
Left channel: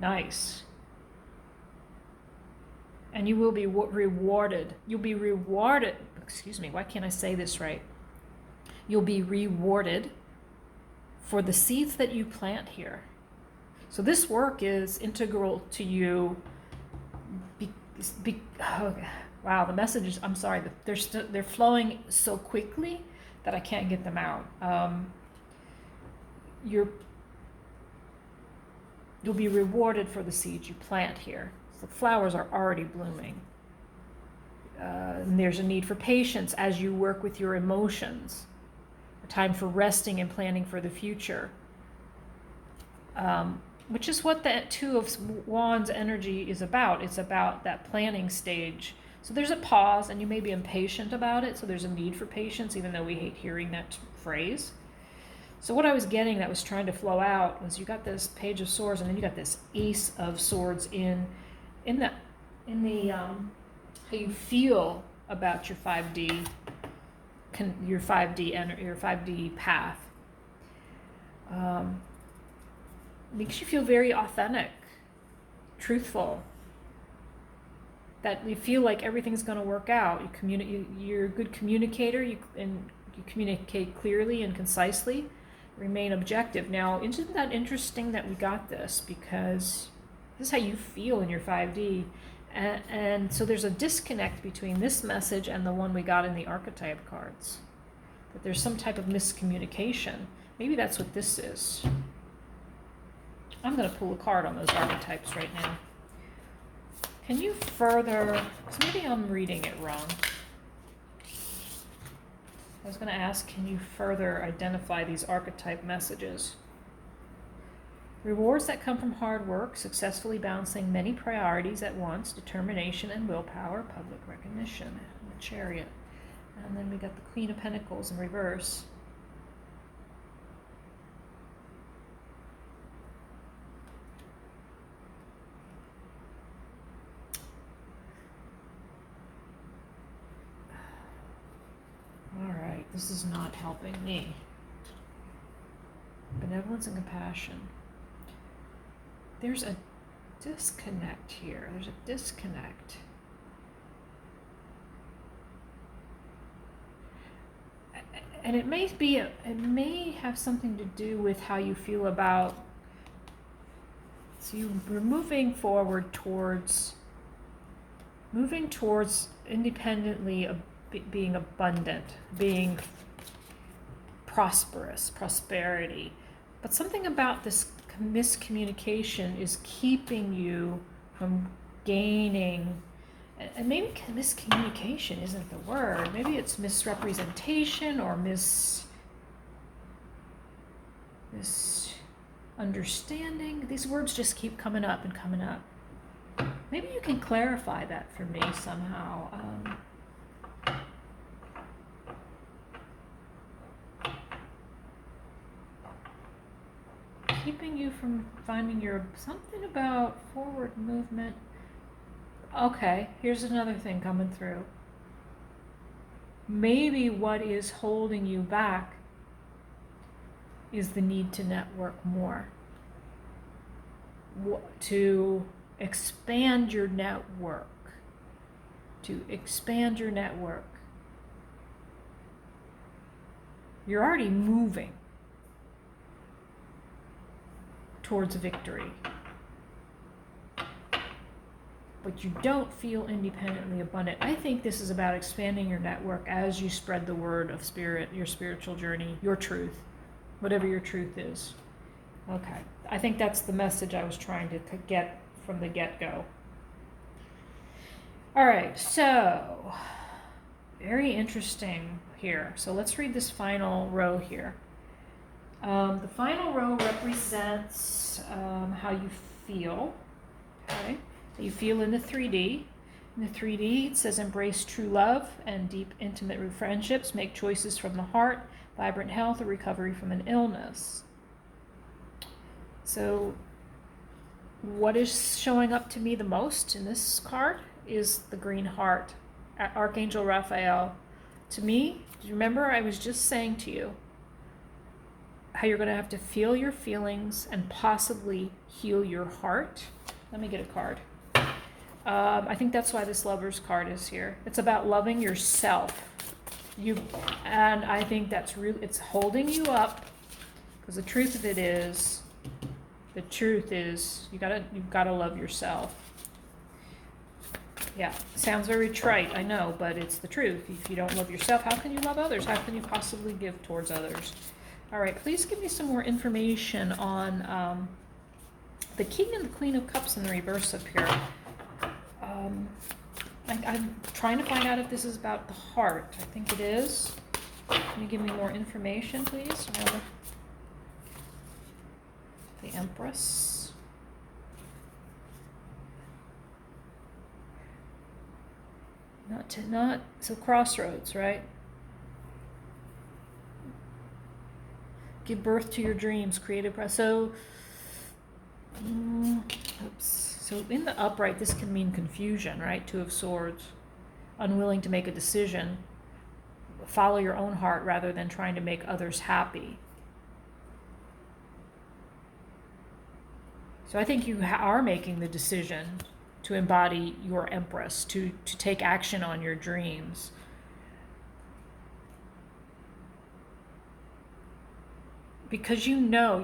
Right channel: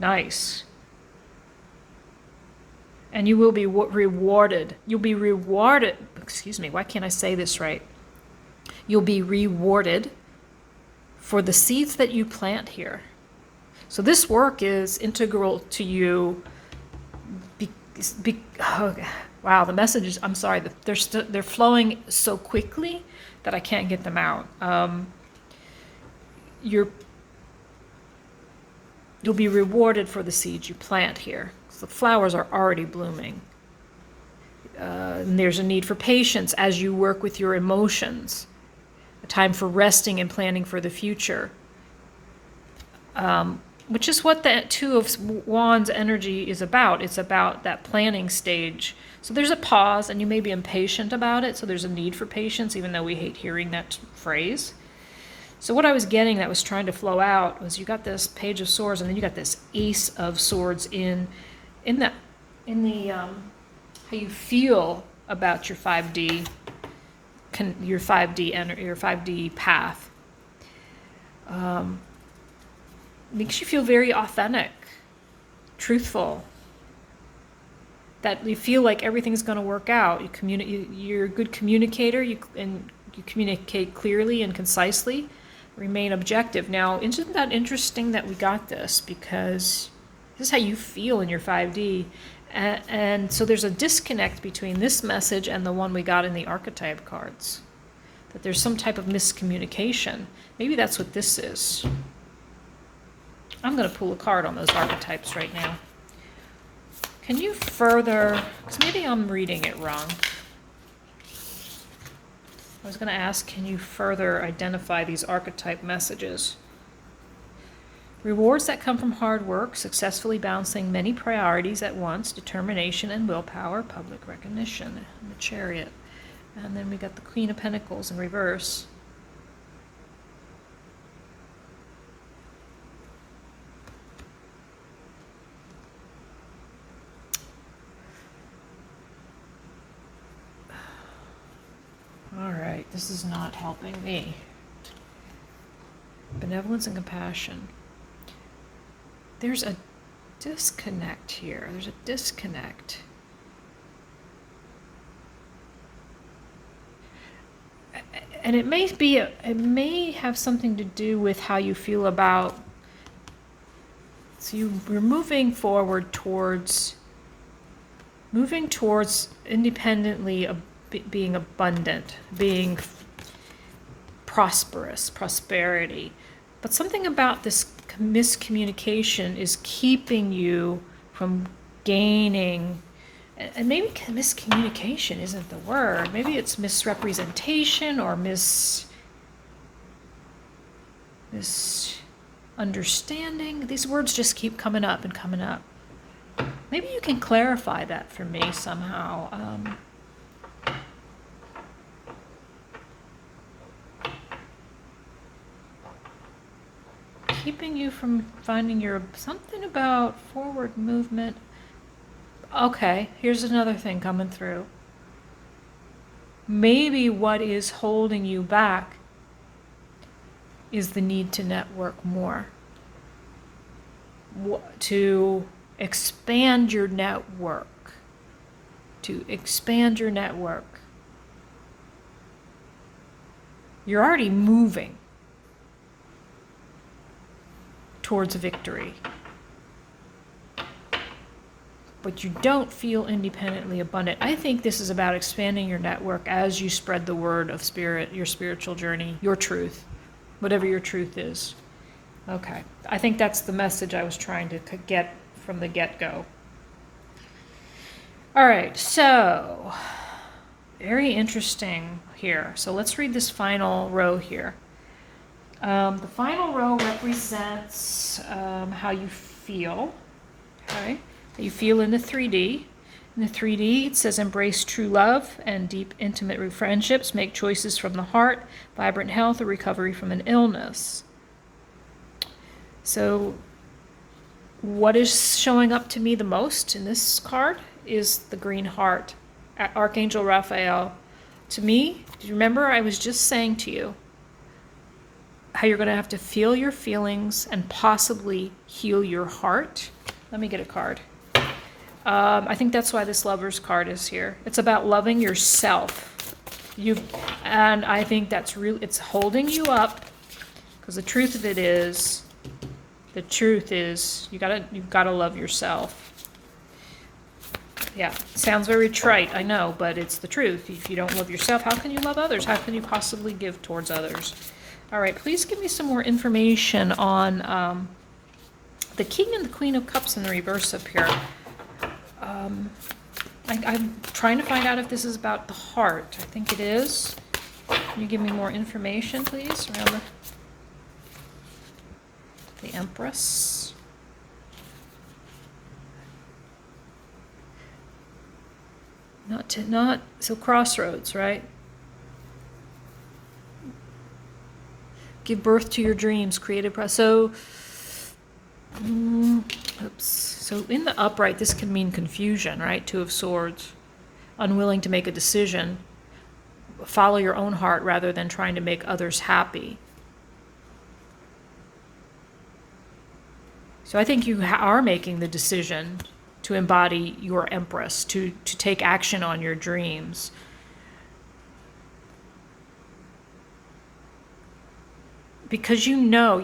Nice. And you will be rewarded. You'll be rewarded. Excuse me, why can't I say this right? You'll be rewarded for the seeds that you plant here. So this work is integral to you. Wow, the messages, I'm sorry, they're flowing so quickly that I can't get them out. You'll be rewarded for the seeds you plant here. So the flowers are already blooming. And there's a need for patience as you work with your emotions. A time for resting and planning for the future. Which is what the Two of Wands energy is about. It's about that planning stage. So there's a pause, and you may be impatient about it, so there's a need for patience, even though we hate hearing that phrase. So what I was getting that was trying to flow out was you got this Page of Swords, and then you got this Ace of Swords in the how you feel about your 5D, your 5D path. Makes you feel very authentic, truthful, that you feel like everything's going to work out. You're a good communicator, you communicate clearly and concisely, remain objective. Now, isn't that interesting that we got this? Because this is how you feel in your 5D. And so there's a disconnect between this message and the one we got in the archetype cards. That there's some type of miscommunication. Maybe that's what this is. I'm going to pull a card on those archetypes right now. Can you further, because maybe I'm reading it wrong. I was going to ask, can you further identify these archetype messages? Rewards that come from hard work, successfully balancing many priorities at once, determination and willpower, public recognition, and the Chariot. And then we got the Queen of Pentacles in reverse. All right, this is not helping me. Benevolence and compassion. There's a disconnect here. There's a disconnect. And it may have something to do with how you feel about, so you're moving forward towards independently being abundant, being prosperous, prosperity. But something about this miscommunication is keeping you from gaining, and maybe miscommunication isn't the word, maybe it's misrepresentation or misunderstanding. These words just keep coming up and coming up. Maybe you can clarify that for me somehow. Keeping you from finding something about forward movement. Okay, here's another thing coming through. Maybe what is holding you back is the need to network more, to expand your network, You're already moving towards victory, but you don't feel independently abundant. I think this is about expanding your network as you spread the word of spirit, your spiritual journey, your truth, whatever your truth is. Okay, I think that's the message I was trying to get from the get-go. All right, so very interesting here. So let's read this final row here. The final row represents how you feel, okay? How you feel in the 3D. In the 3D, it says embrace true love and deep, intimate friendships, make choices from the heart, vibrant health, or recovery from an illness. So what is showing up to me the most in this card is the green heart, Archangel Raphael. To me, do you remember I was just saying to you how you're going to have to feel your feelings and possibly heal your heart? Let me get a card. I think that's why this Lover's card is here. It's about loving yourself. And I think that's real. It's holding you up, because the truth is you've got to love yourself. Yeah, sounds very trite, I know, but it's the truth. If you don't love yourself, how can you love others? How can you possibly give towards others? All right, please give me some more information on the King and the Queen of Cups in the reverse up here. I'm trying to find out if this is about the heart. I think it is. Can you give me more information, please, around the Empress? So crossroads, right? Give birth to your dreams, creative process. So, So in the upright, this can mean confusion, right? Two of Swords. Unwilling to make a decision. Follow your own heart rather than trying to make others happy. So I think you are making the decision to embody your Empress, to take action on your dreams. Because you know,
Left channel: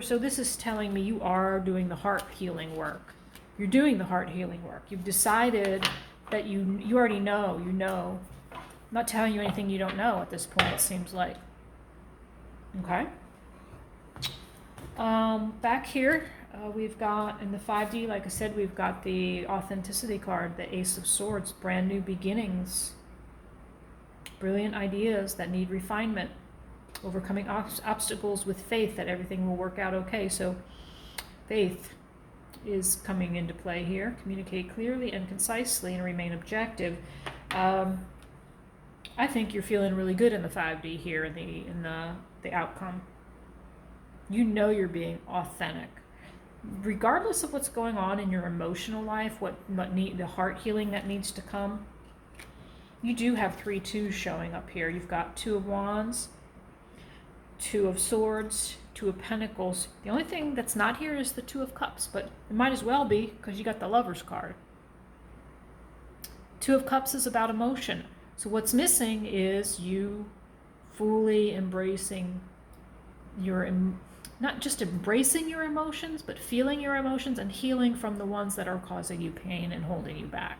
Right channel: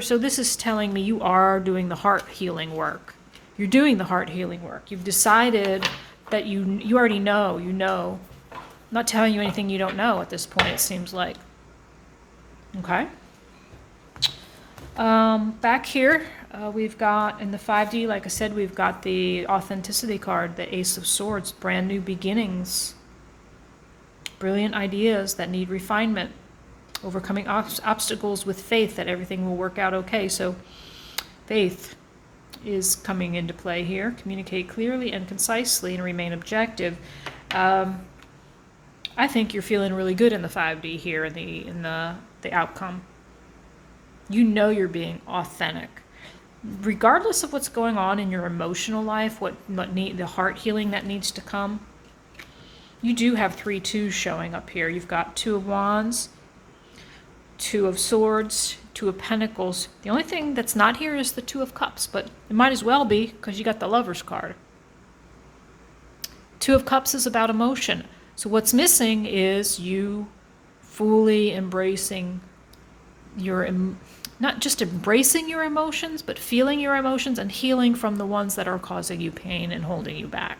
so this is telling me you are doing the heart healing work. You're doing the heart healing work. You've decided that you already know, I'm not telling you anything you don't know at this point, it seems like. Okay. Back here, we've got, in the 5D, like I said, we've got the authenticity card, the Ace of Swords, brand new beginnings. brilliant ideas that need refinement, overcoming obstacles with faith that everything will work out okay. So faith is coming into play here. Communicate clearly and concisely and remain objective. I think you're feeling really good in the 5D here in the outcome. You know you're being authentic. Regardless of what's going on in your emotional life, the heart healing that needs to come, you do have 3 2s showing up here. You've got 2 of Wands, 2 of Swords, 2 of Pentacles. The only thing that's not here is the 2 of Cups, but it might as well be because you got the Lover's card. 2 of Cups is about emotion. So what's missing is you fully embracing not just embracing your emotions, but feeling your emotions and healing from the ones that are causing you pain and holding you back.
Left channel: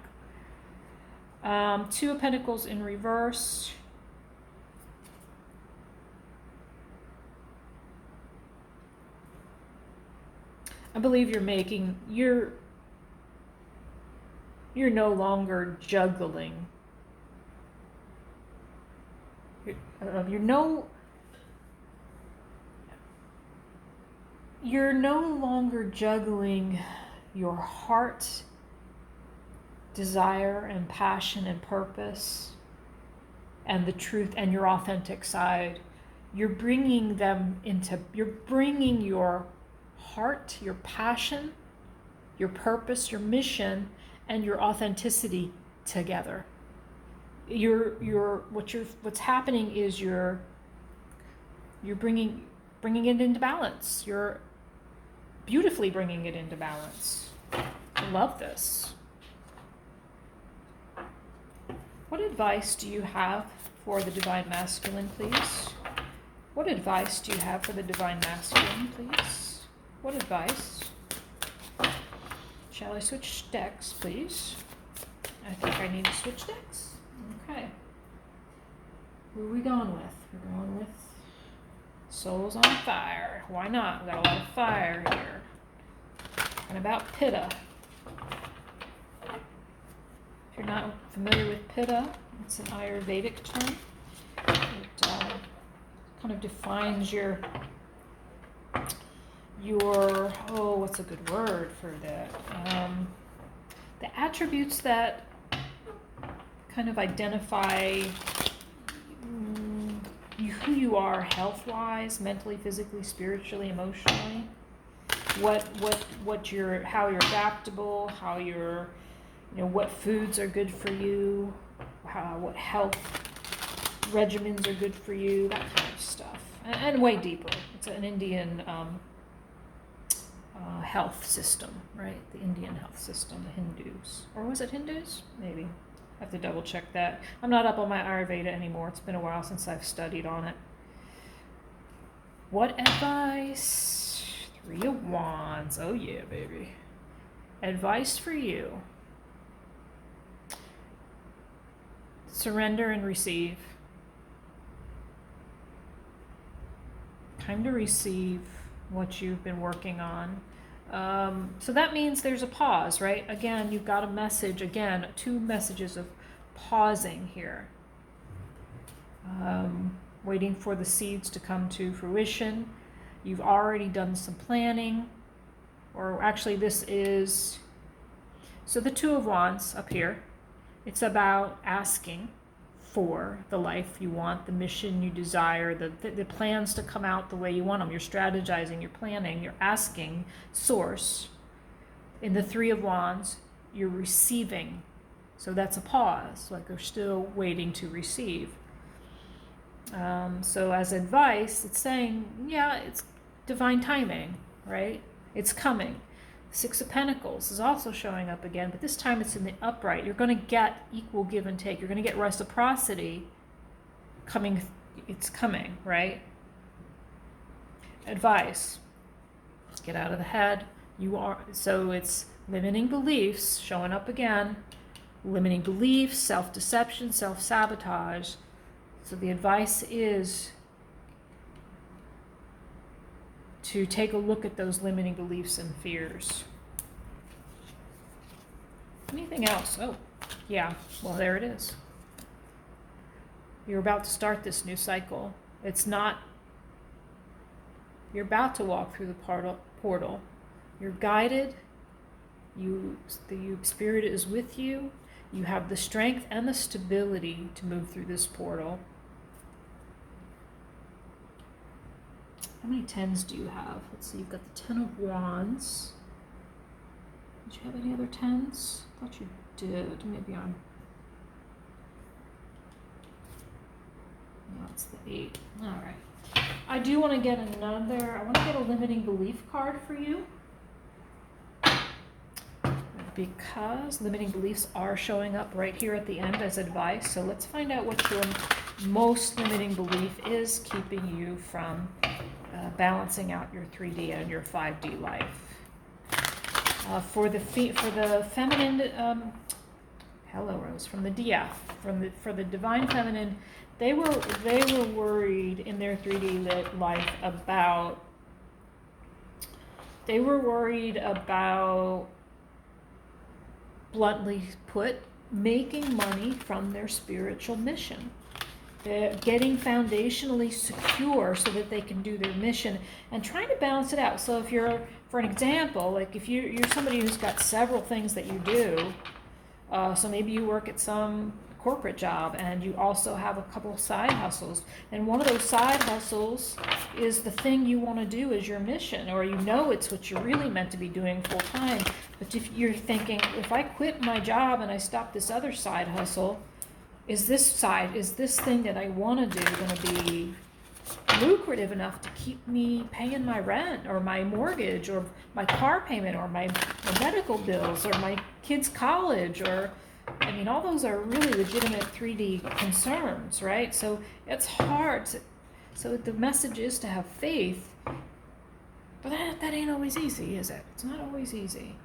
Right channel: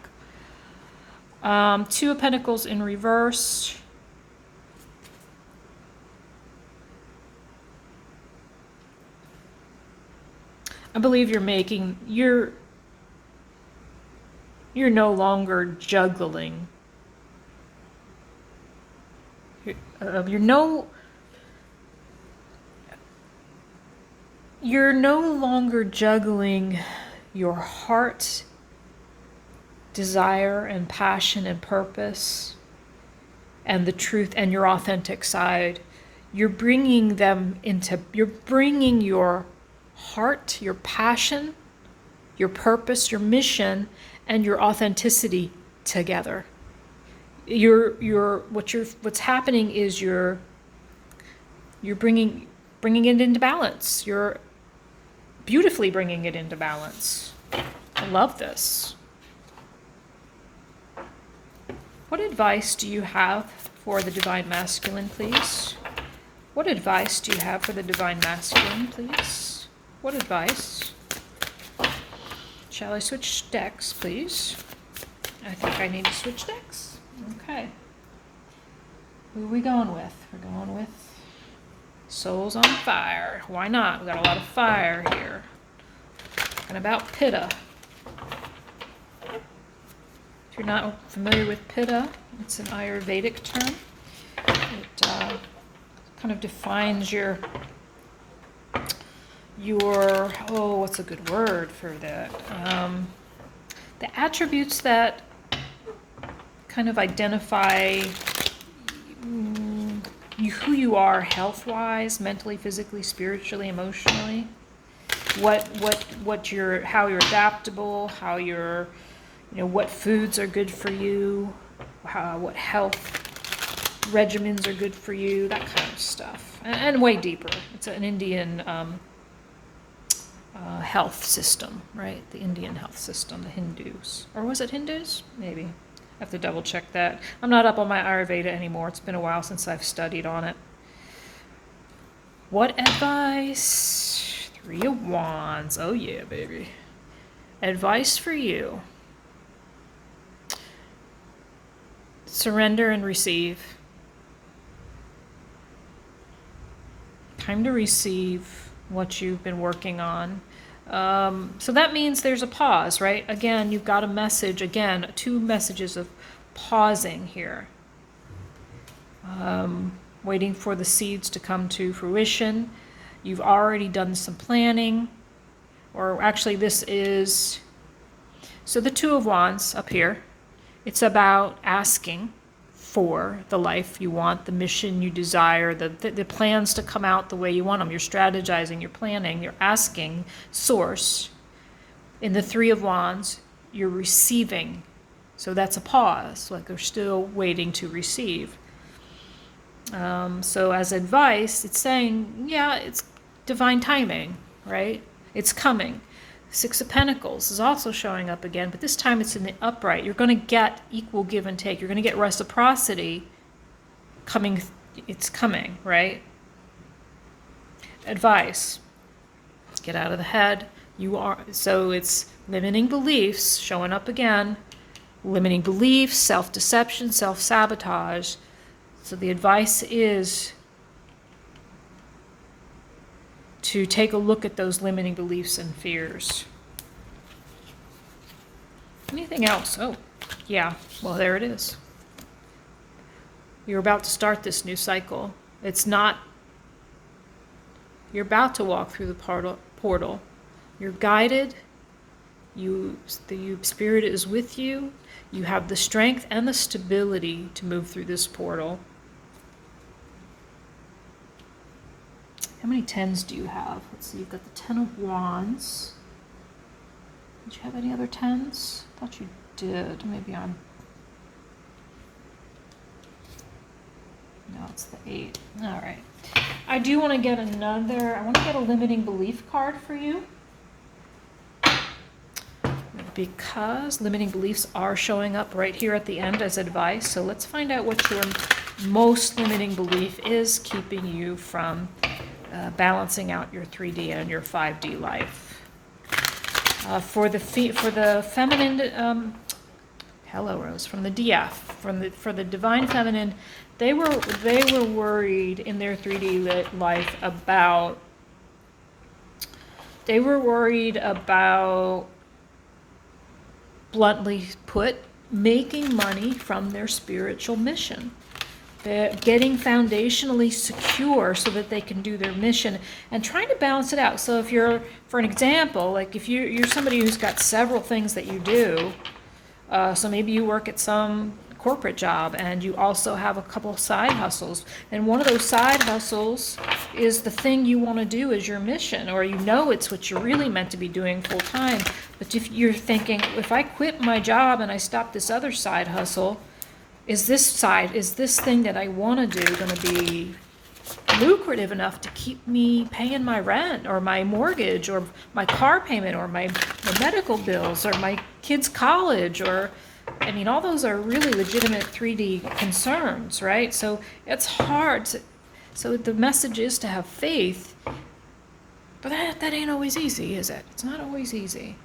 2 of Pentacles in reverse. I believe you're no longer juggling. You're no longer juggling your heart, desire and passion and purpose and the truth and your authentic side. You're bringing your heart, your passion, your purpose, your mission, and your authenticity together. What's happening is you're bringing it into balance. You're beautifully bringing it into balance. I love this. What advice do you have for the Divine Masculine, please? What advice do you have for the Divine Masculine, please? What advice? Shall I switch decks, please? I think I need to switch decks. Okay. Who are we going with? We're going with Souls on Fire. Why not? We got a lot of fire here. Talking about Pitta. If you're not familiar with Pitta, it's an Ayurvedic term. It kind of defines your what's a good word for that? The attributes that kind of identify who you are health-wise, mentally, physically, spiritually, emotionally. How you're adaptable, how you're, what foods are good for you, what health regimens are good for you, that kind of stuff, and way deeper. It's an Indian health system, right? The Indian health system, the Hindus, or was it Hindus? Maybe. I have to double check that. I'm not up on my Ayurveda anymore. It's been a while since I've studied on it. What advice? 3 of Wands. Oh yeah, baby. Advice for you. Surrender and receive. Time to receive what you've been working on. So that means there's a pause, right? Again, you've got a message, 2 messages of pausing here. Waiting for the seeds to come to fruition. You've already done some planning, or actually so the 2 of Wands up here, it's about asking for the life you want, the mission you desire, the plans to come out the way you want them. You're strategizing, you're planning, you're asking Source. In the 3 of Wands, you're receiving. So that's a pause, like they're still waiting to receive. So as advice, it's saying, yeah, it's divine timing, right? It's coming. 6 of Pentacles is also showing up again, but this time it's in the upright. You're going to get equal give and take. You're going to get reciprocity coming. It's coming, right? Advice. Get out of the head. So it's limiting beliefs showing up again. Limiting beliefs, self-deception, self-sabotage. So the advice is to take a look at those limiting beliefs and fears. Anything else? Oh, yeah. Well, there it is. You're about to start this new cycle. It's not, you're about to walk through the portal. You're guided. The Spirit is with you. You have the strength and the stability to move through this portal. How many 10s do you have? Let's see, you've got the 10 of Wands. Did you have any other 10s? I thought you did. Maybe I'm... No, it's the 8. All right. I do want to get I want to get a limiting belief card for you. Because limiting beliefs are showing up right here at the end as advice. So let's find out what your most limiting belief is keeping you from balancing out your 3D and your 5D life. For the feminine, hello Rose, from the DF, for the divine feminine, they were worried in their 3D life about. They were worried about, bluntly put, making money from their spiritual mission. They're getting foundationally secure so that they can do their mission and trying to balance it out. So if you're, for an example, like if you're somebody who's got several things that you do, so maybe you work at some corporate job and you also have a couple of side hustles, and one of those side hustles is the thing you want to do as your mission, or you know it's what you're really meant to be doing full time, but if you're thinking, if I quit my job and I stop this other side hustle, is this thing that I want to do going to be lucrative enough to keep me paying my rent or my mortgage or my car payment or my medical bills or my kids' college, or I mean, all those are really legitimate 3D concerns, right? So it's hard. So the message is to have faith, but that ain't always easy, is it? It's not always easy.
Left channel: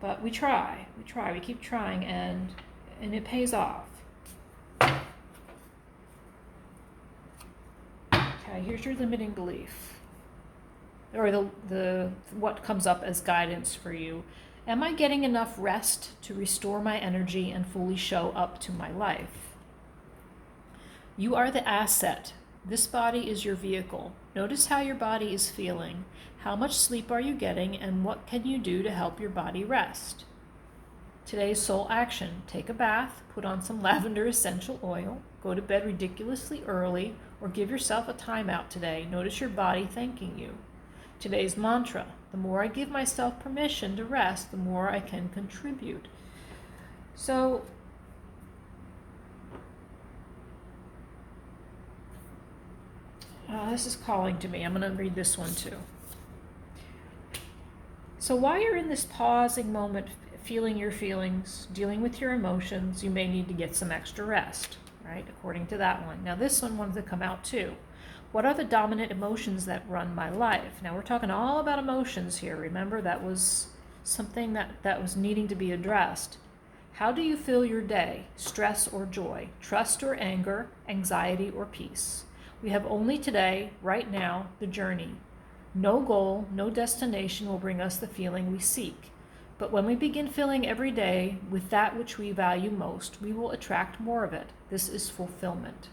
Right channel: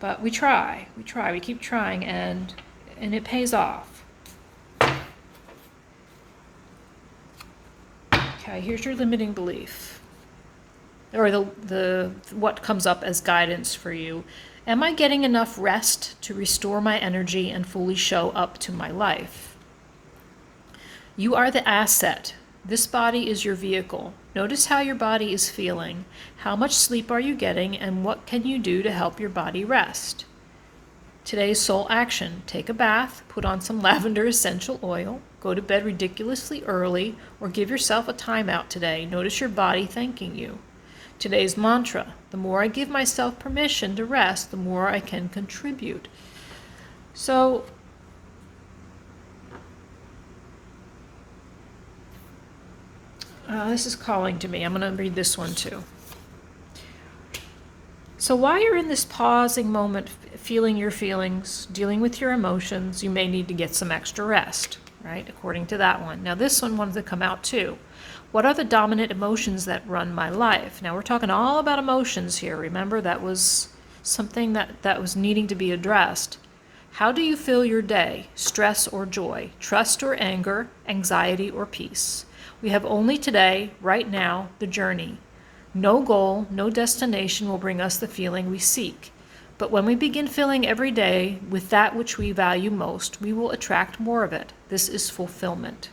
But we try, we keep trying, and it pays off. Okay, here's your limiting belief, or the what comes up as guidance for you. Am I getting enough rest to restore my energy and fully show up to my life? You are the asset. This body is your vehicle. Notice how your body is feeling. How much sleep are you getting, and what can you do to help your body rest? Today's soul action: take a bath, put on some lavender essential oil, go to bed ridiculously early, or give yourself a timeout today. Notice your body thanking you. Today's mantra: the more I give myself permission to rest, the more I can contribute. So, this is calling to me. I'm going to read this one too. So while you're in this pausing moment, feeling your feelings, dealing with your emotions, you may need to get some extra rest, right? According to that one. Now this one wanted to come out too. What are the dominant emotions that run my life? Now we're talking all about emotions here. Remember, that was something that was needing to be addressed. How do you feel your day? Stress or joy? Trust or anger? Anxiety or peace? We have only today, right now, the journey. No goal, no destination will bring us the feeling we seek. But when we begin filling every day with that which we value most, we will attract more of it. This is fulfillment.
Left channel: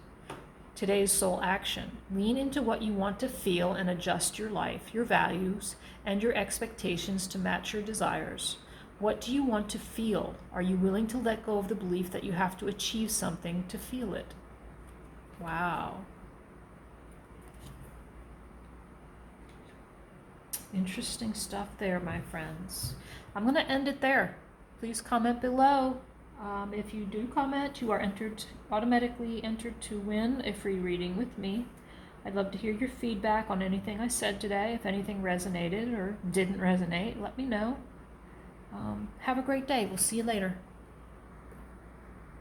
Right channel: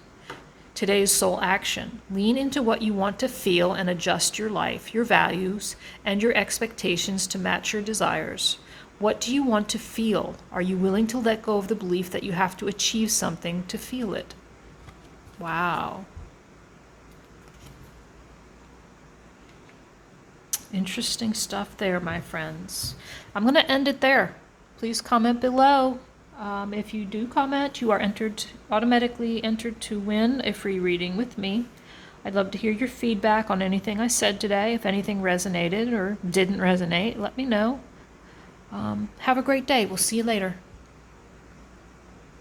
Today's soul action: lean into what you want to feel and adjust your life, your values, and your expectations to match your desires. What do you want to feel? Are you willing to let go of the belief that you have to achieve something to feel it? Wow. Interesting stuff there, my friends. I'm going to end it there. Please comment below. If you do comment, you are automatically entered to win a free reading with me. I'd love to hear your feedback on anything I said today. If anything resonated or didn't resonate, let me know. Have a great day. We'll see you later.